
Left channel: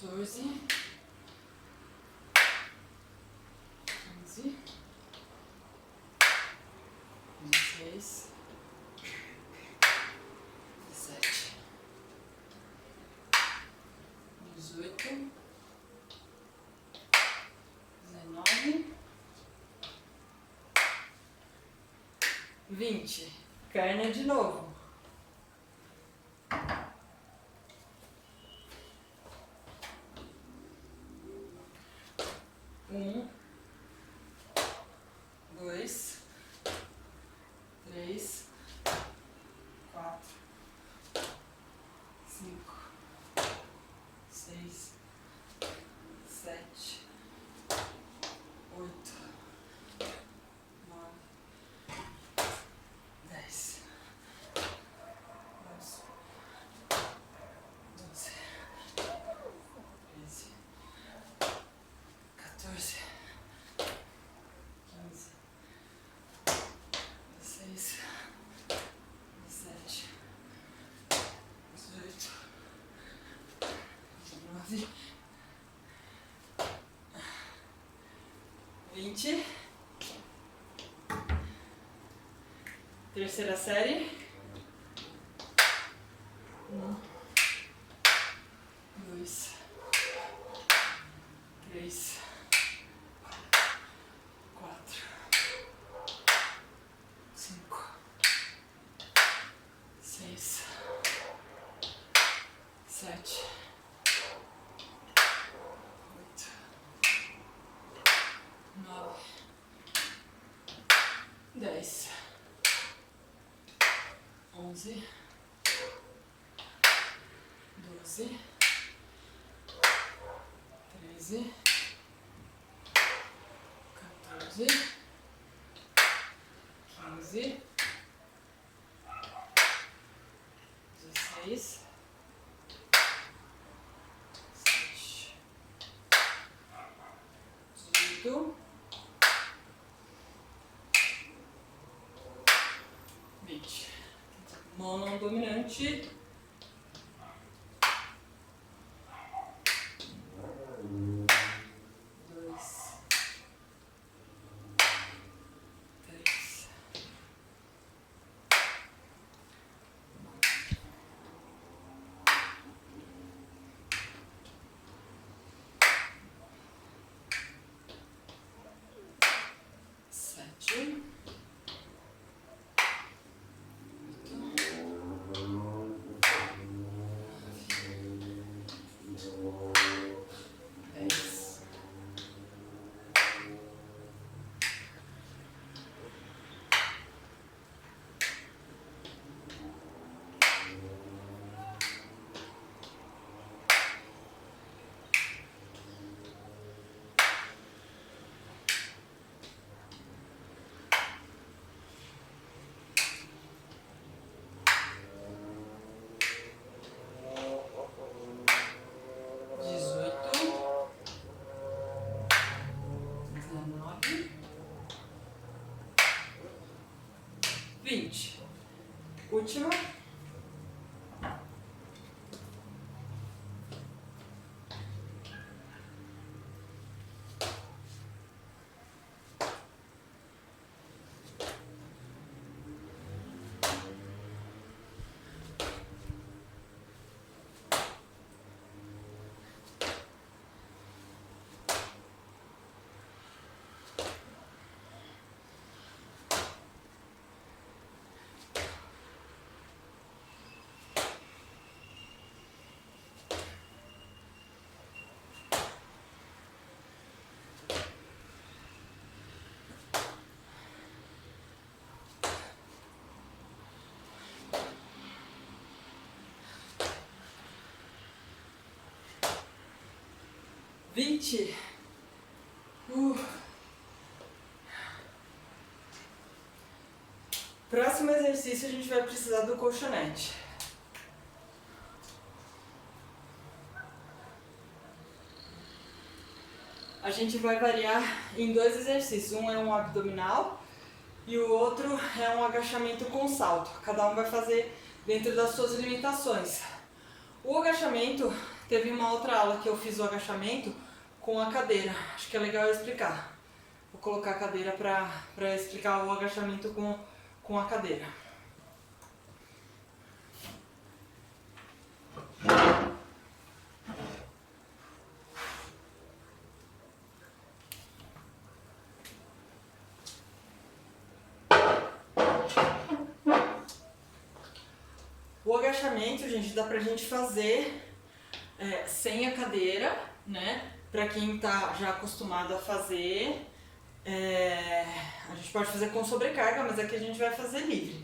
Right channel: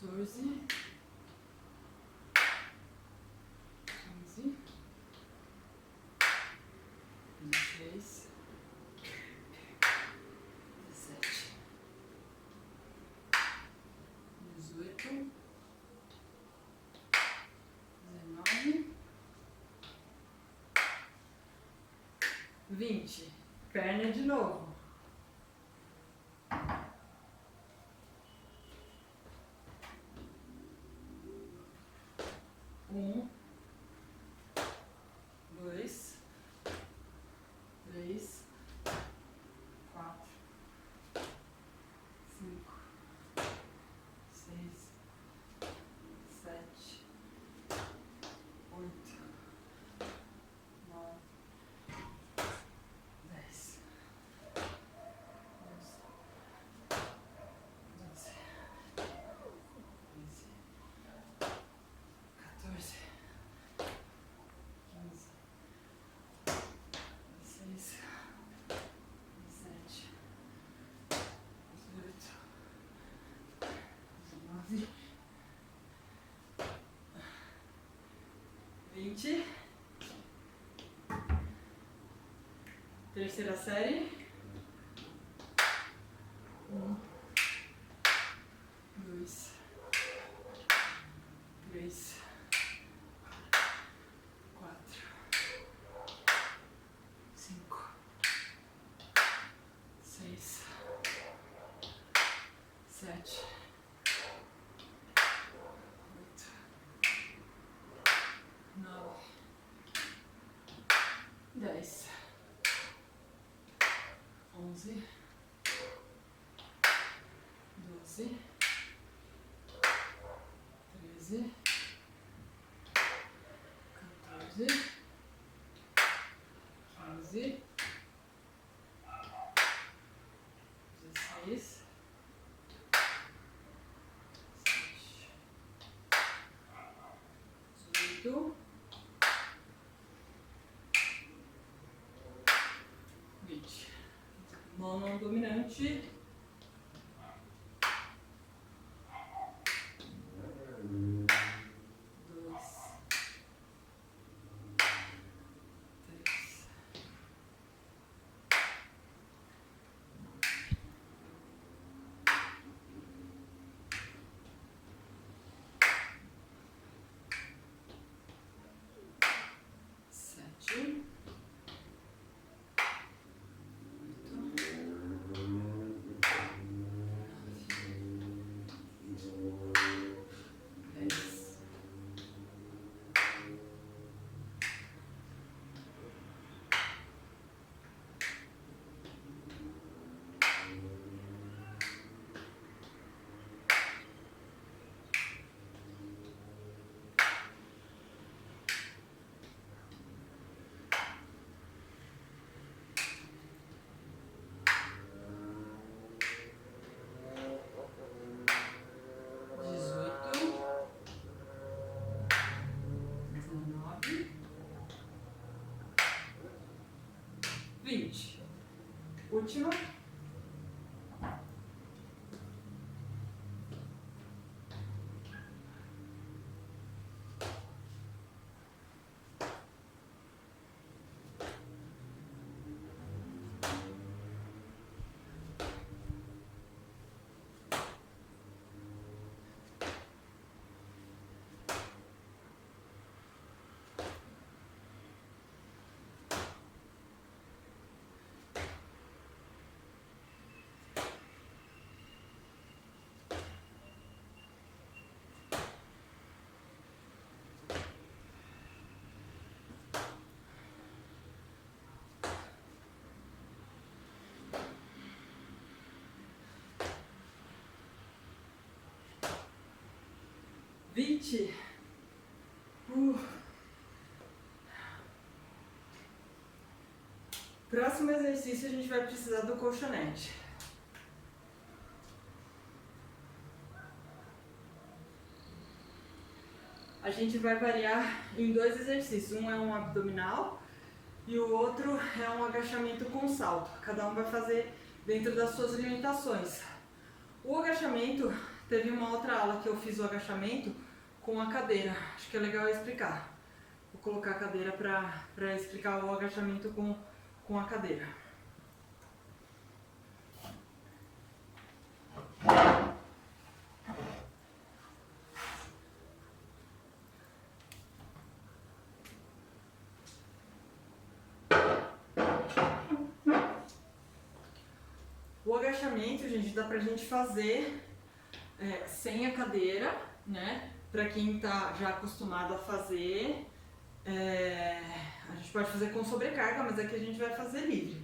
14, 15, 16, 17, 18, 19, 20. Perna de novo. 1, 2, 3, 4, 5, 6, 7, 8, 9, 10, 11, 12, 13, 14, 15, 16, 17, 18, 19, 20. Terceira série. 1, 2, 3, 4, 5, 6, 7, 8, 9, 10, 11, 12, 13, 14, 15, 16, 17, 18, 20. Mão não dominante. 2, 3, 7, 10. Última. 20. Próximo exercício a gente vai precisar do colchonete. A gente vai variar em 2 exercícios. Um é um abdominal e o outro é um agachamento com salto. Cada um vai fazer dentro das suas limitações. O agachamento, teve uma outra aula que eu fiz o agachamento com a cadeira. Acho que é legal eu explicar. Vou colocar a cadeira para explicar o agachamento com a cadeira. O agachamento, gente, dá pra gente fazer sem a cadeira, né? Pra quem tá já acostumado a fazer, a gente pode fazer com sobrecarga, mas aqui a gente vai fazer livre.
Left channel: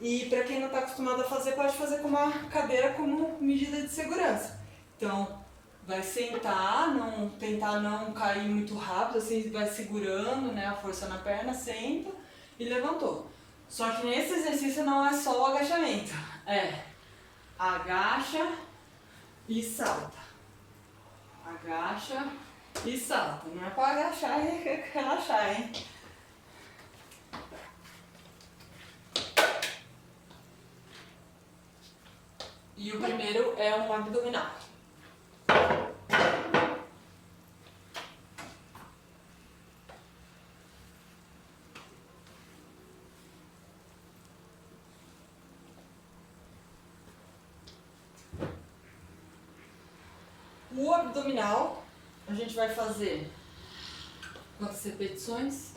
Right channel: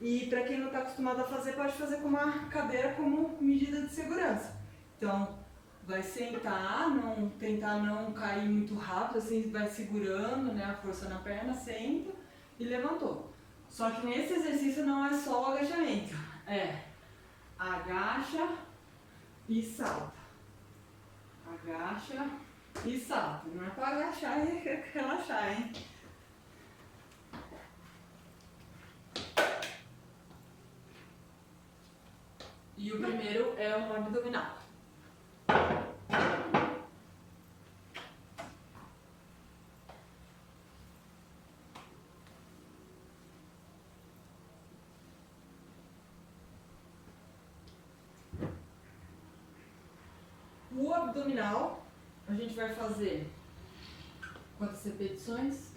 E pra quem não tá acostumado a fazer, pode fazer com uma cadeira como medida de segurança. Então, vai sentar, tentar não cair muito rápido, assim, vai segurando, né, a força na perna, senta e levantou. Só que nesse exercício não é só o agachamento, agacha e salta. Agacha e salta. Não é pra agachar e relaxar, hein? E o primeiro é um abdominal. O abdominal, a gente vai fazer quantas repetições?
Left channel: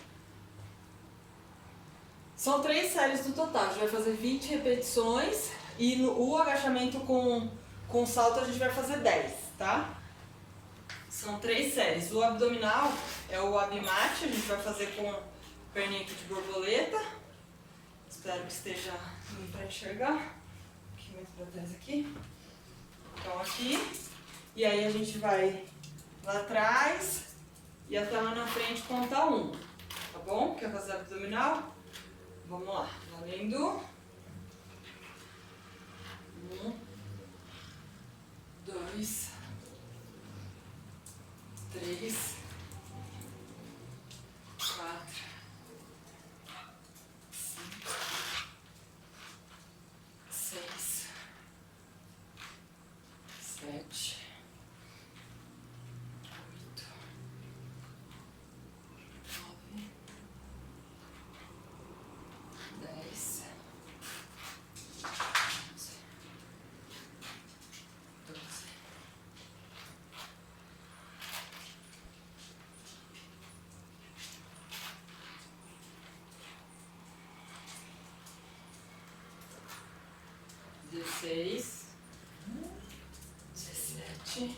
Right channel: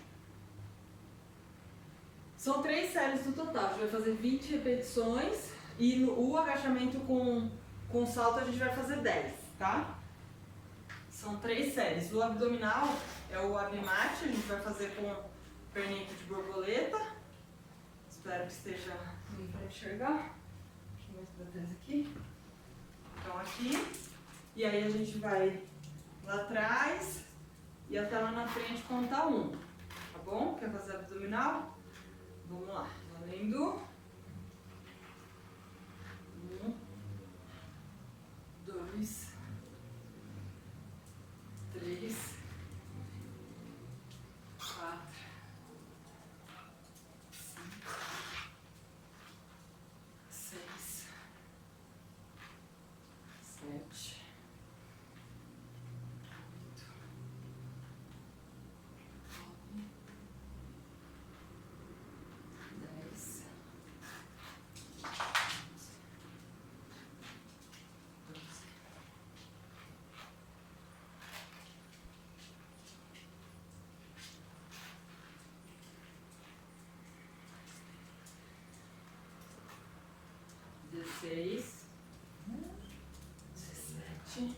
São 3 séries no total, a gente vai fazer 20 repetições e o agachamento com salto a gente vai fazer 10, tá? São 3 séries. O abdominal é o abmate, a gente vai fazer com perninha aqui de borboleta. Espero que esteja dando pra enxergar. Um pouquinho mais pra trás aqui. Então aqui. E aí a gente vai lá atrás e até lá na frente contar 1. Tá bom? Quer fazer abdominal? Vamos lá. Valendo. 1, 2, 3, 4, 5, 6, 7, 8, 9, 10, 11, 12, 16, 17,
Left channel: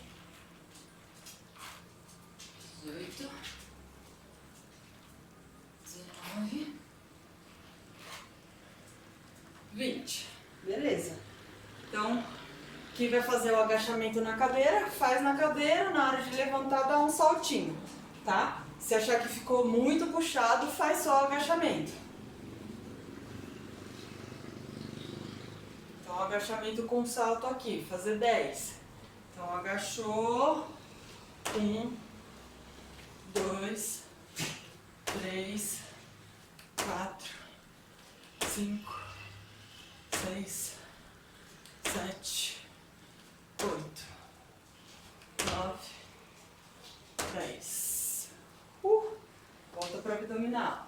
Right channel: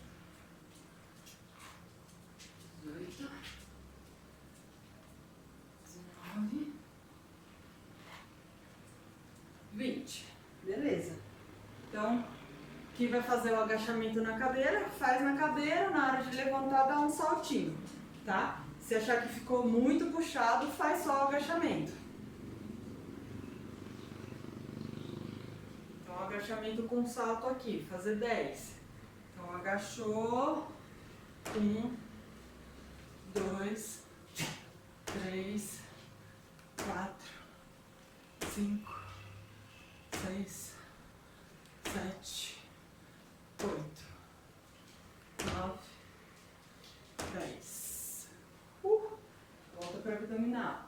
18, 19, 20. Beleza. Então, quem vai fazer o agachamento na cadeira, faz na cadeira, na hora de levantar dá um saltinho, tá? Se achar que ficou muito puxado, faz só o agachamento. Então, agachamento com salto aqui, fazer 10. Então, agachou, 1, 2, 3, 4, 5, 6, 7, 8, 9, 10. Volta para abdominal.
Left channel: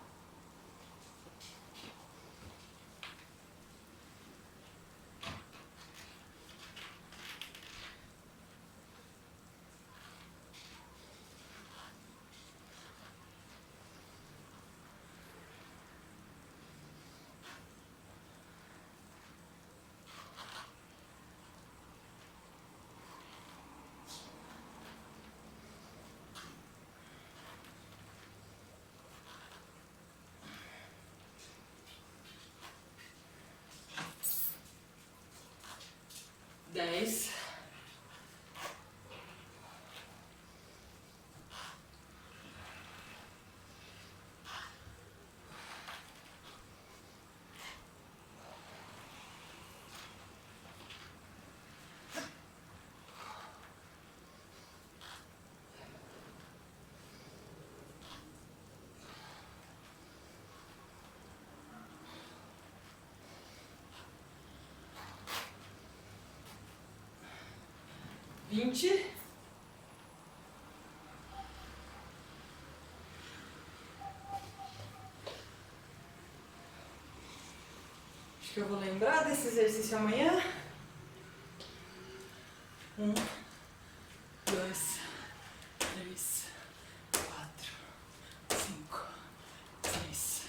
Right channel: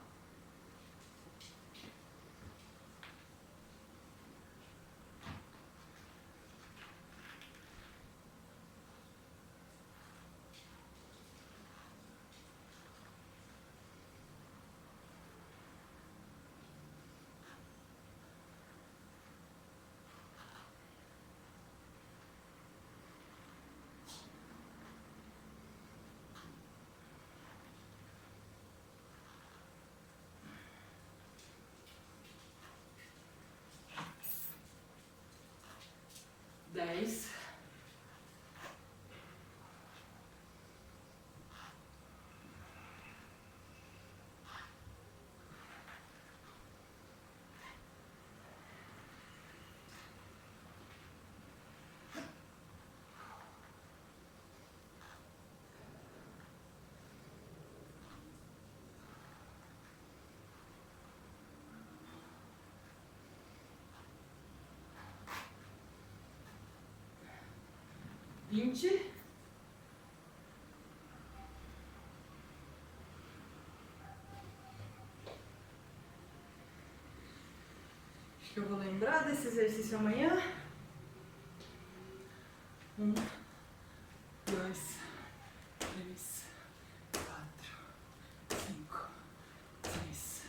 20. Acho que eu vou lembrar desse exercício amanhã. 1, 2, 3, 4, 5, 6,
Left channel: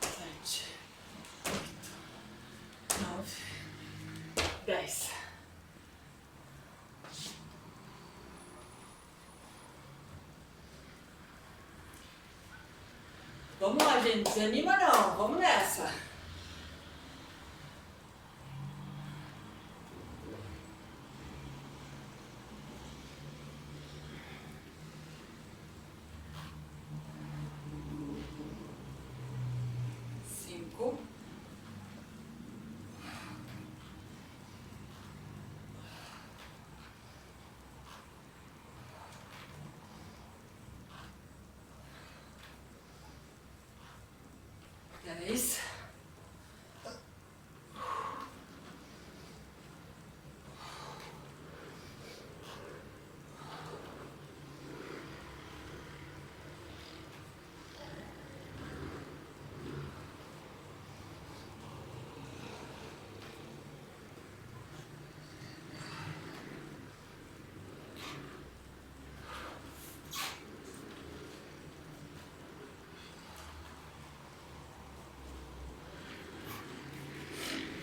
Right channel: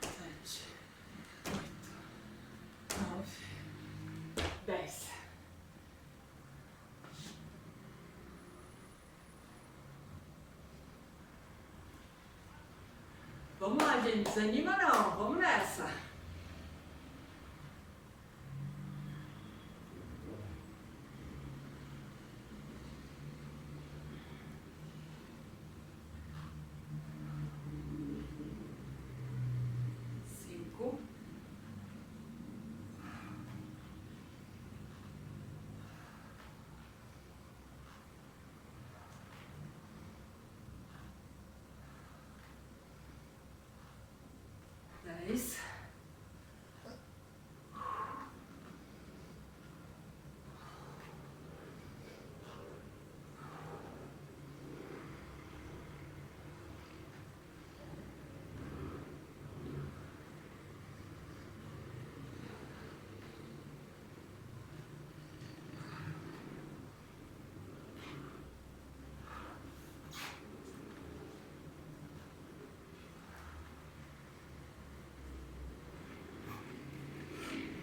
7, 8, 9, 10. Vamos lá, gente. Desanima não. Vamos nessa. Isso.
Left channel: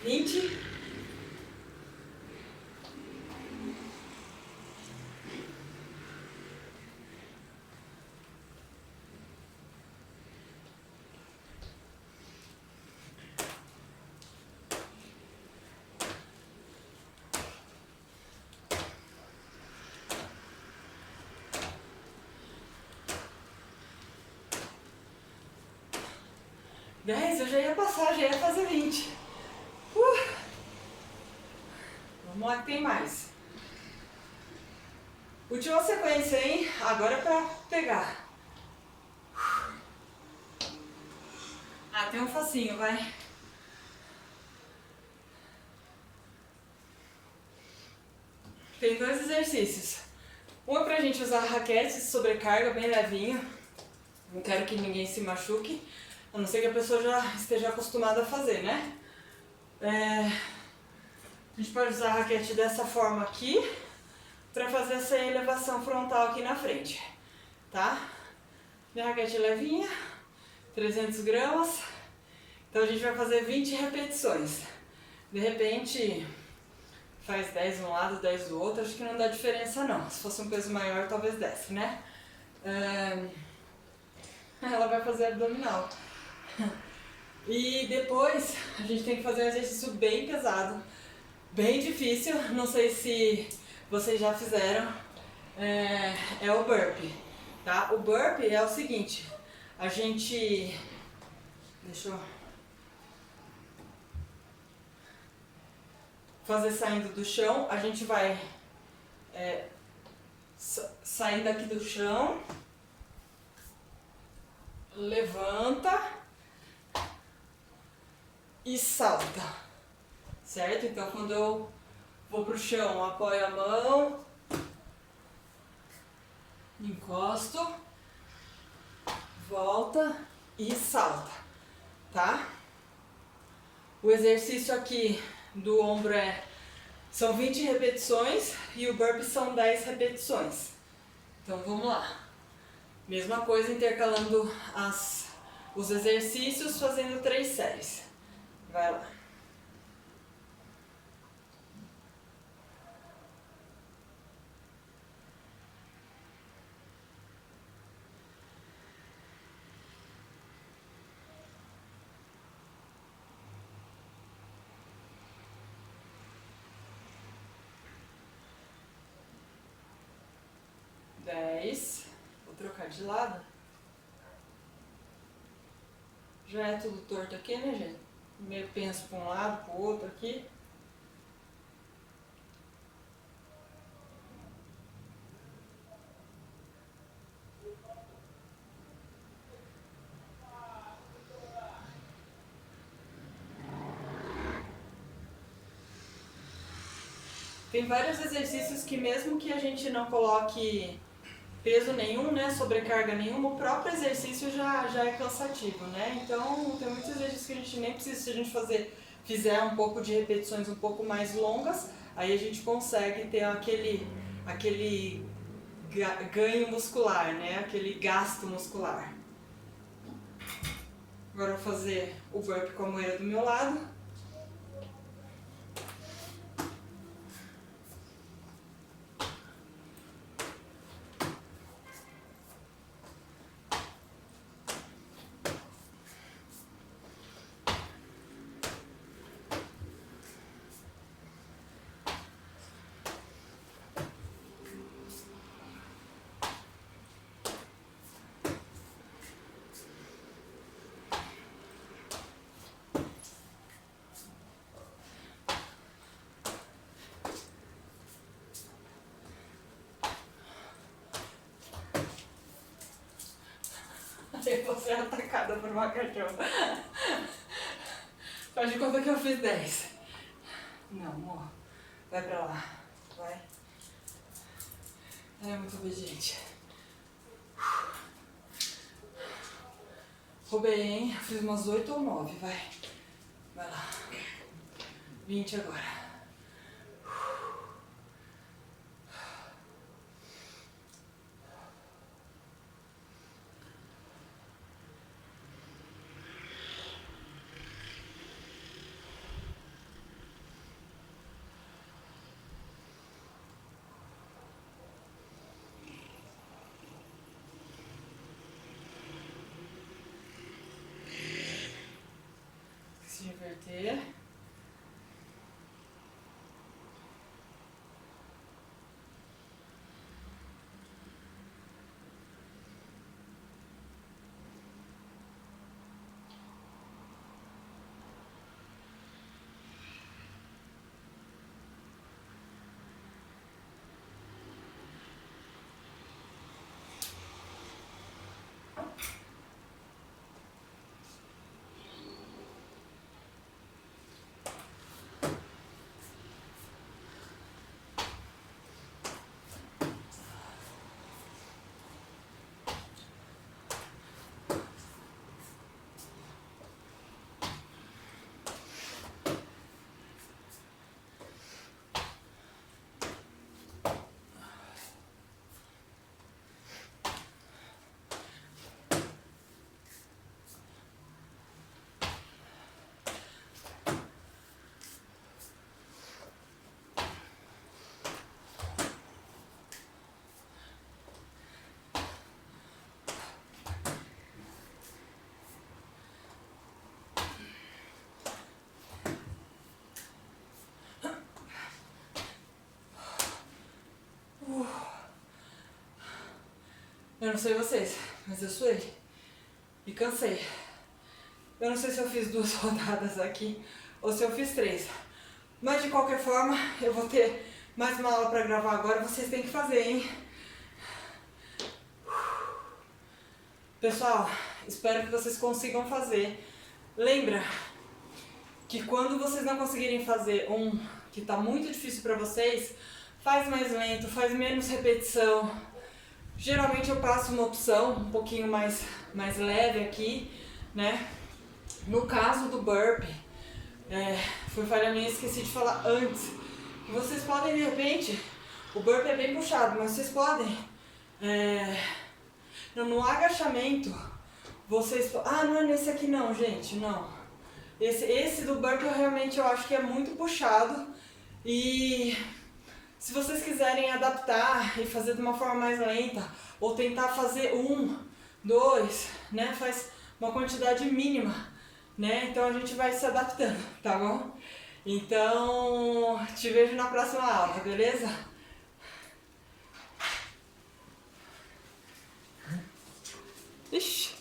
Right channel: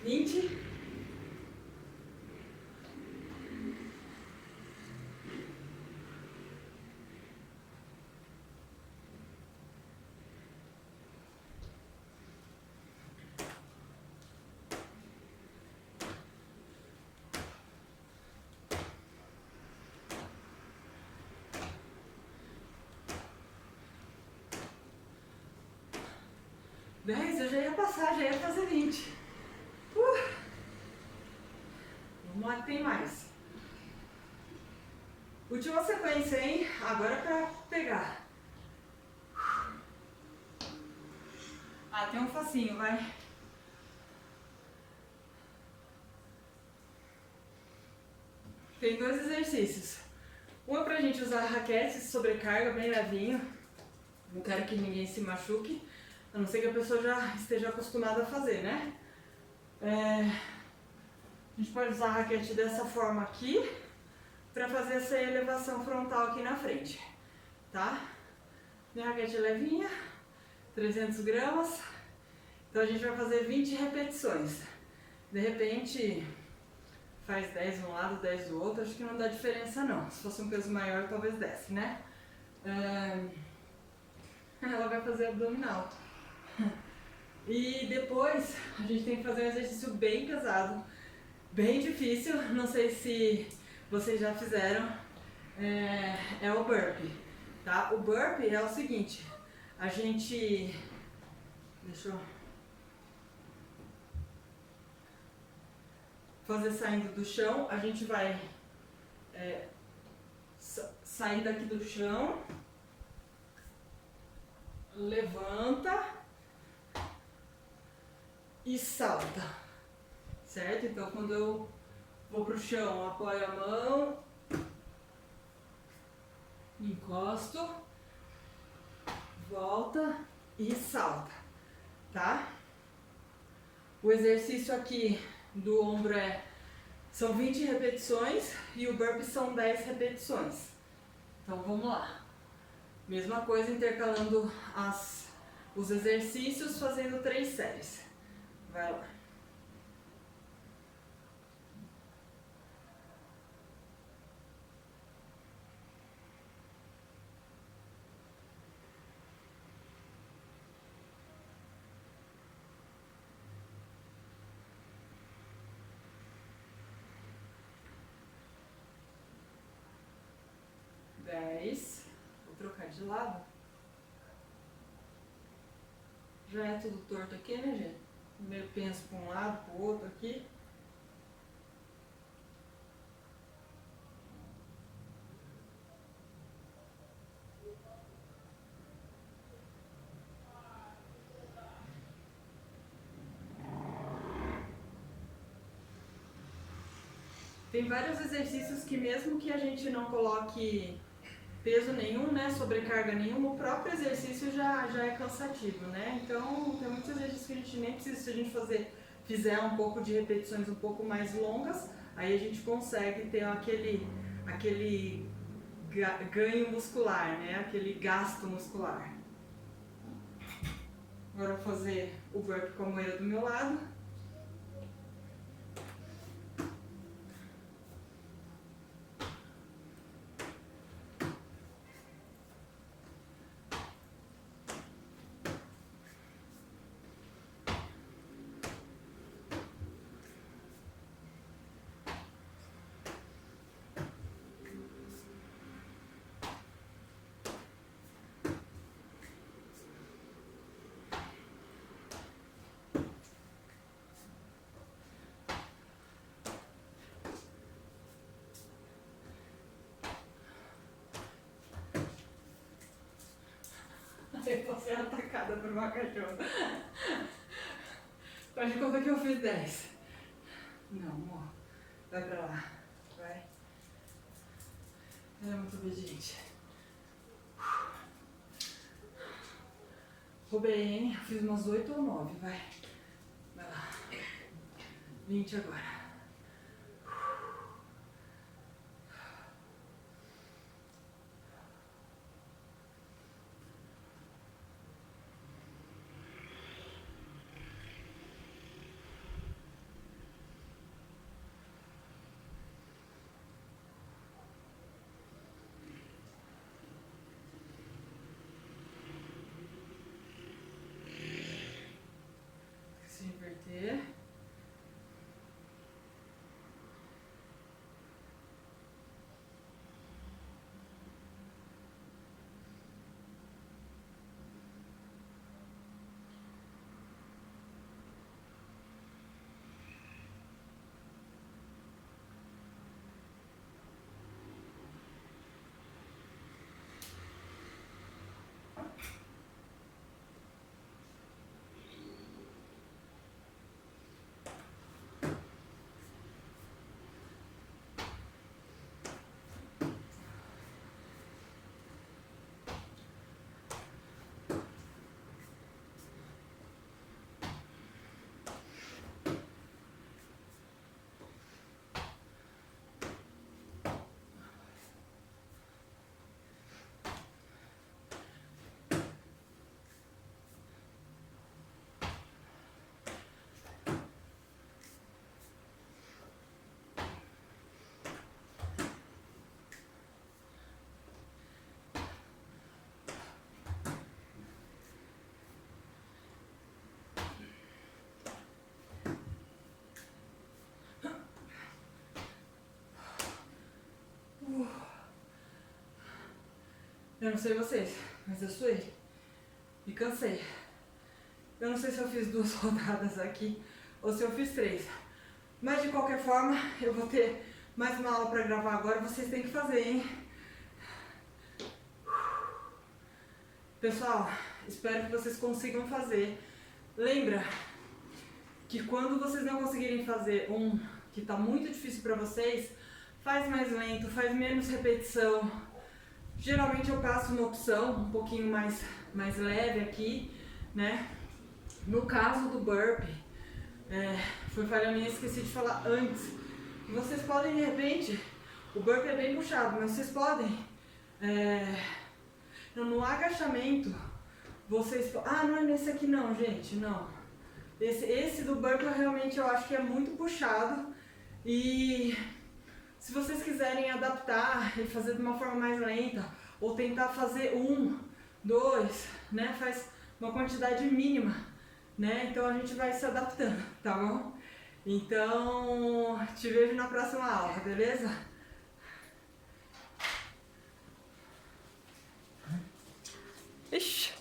Vinte. Dez, eu já ia passar, já ia fazer 20. Vamos lá que tem mais. Última sequência, hein? Agora é pra pegar. Ah, tem um facinho, vai. Tem 2 exercícios. Um é pra gente usar a raquete, sobrecarga bem levinho. Não quero que ninguém se machuque, a não ser que a pessoa já esteja acostumada a fazer, né? A gente pode usar a raquete dessa forma aqui, pra fazer essa elevação frontal aqui na frente, tá? Minha raquete é levinha, 300 gramas. Então a gente vai fazer 20 repetições. De repente, faz 10 de um lado, 10 do outro, acho que não dá diferença não. Se fosse um peso maior, talvez desse, né? Ela vai fazer abdominal. E depois, a gente tem que fazer um exercício bem pesado, bem difícil. Não sei se vocês já fizeram. É o burpee, tá? O burpee é o seguinte, a gente... Deixa eu... fazer saindo do chão, a gente vai sair daqui do chão, levanta e salta, certo? Então quando eu vou pro chão, apoio a mão, encosto, volta e salta, tá? O exercício aqui do ombro são 20 repetições e o burpee são 10 repetições. Então vamos lá. Mesma coisa, intercalando os exercícios, fazendo 3 séries. Vai lá. Vou trocar de lado. Já é tudo torto aqui, né, gente? Meio penso para um lado, para o outro aqui. Tem vários exercícios que mesmo que a gente não coloque peso nenhum, né, sobrecarga nenhuma, o próprio exercício já é cansativo, né? Então tem muitos exercícios que a gente nem precisa, se a gente fizer um pouco de repetições um pouco mais longas, aí a gente consegue ter aquele ganho muscular, né? Aquele gasto muscular. Agora eu vou fazer o burpee com a moeira do meu lado. Eu vou ser atacada por uma cachorra. Faz de conta que eu fiz 10. Não, amor. Vai pra lá. Vai. Ela é muito obediente. Roubei, hein? Fiz umas 8 ou 9, vai. Vai lá. 20 agora. Se inverter. Eu não sei vocês, mas eu suei e cansei. Eu não sei se eu fiz 2 rodadas aqui ou se eu fiz 3. Mas de qualquer forma, eu vou ter mais uma aula pra gravar agora, vocês têm que fazer, hein? Pessoal, espero que vocês consigam fazer. Lembra que quando vocês não conseguirem fazer um que tá muito difícil pra vocês, faz mais lento, faz menos repetição. Geralmente eu passo uma opção um pouquinho mais leve aqui, né? No caso do burpee, foi falha minha, esqueci de falar antes, que vocês podem de repente, o burpee é bem puxado, mas vocês podem, no agachamento, vocês, não é nesse aqui não, gente, não. Esse do burpee realmente eu acho que é muito puxado e se vocês quiserem adaptar e fazer de uma forma mais lenta, ou tentar fazer 1, 2, né, faz uma quantidade mínima, né, então a gente vai se adaptando, tá bom? Então, te vejo na próxima aula, beleza? Ixi.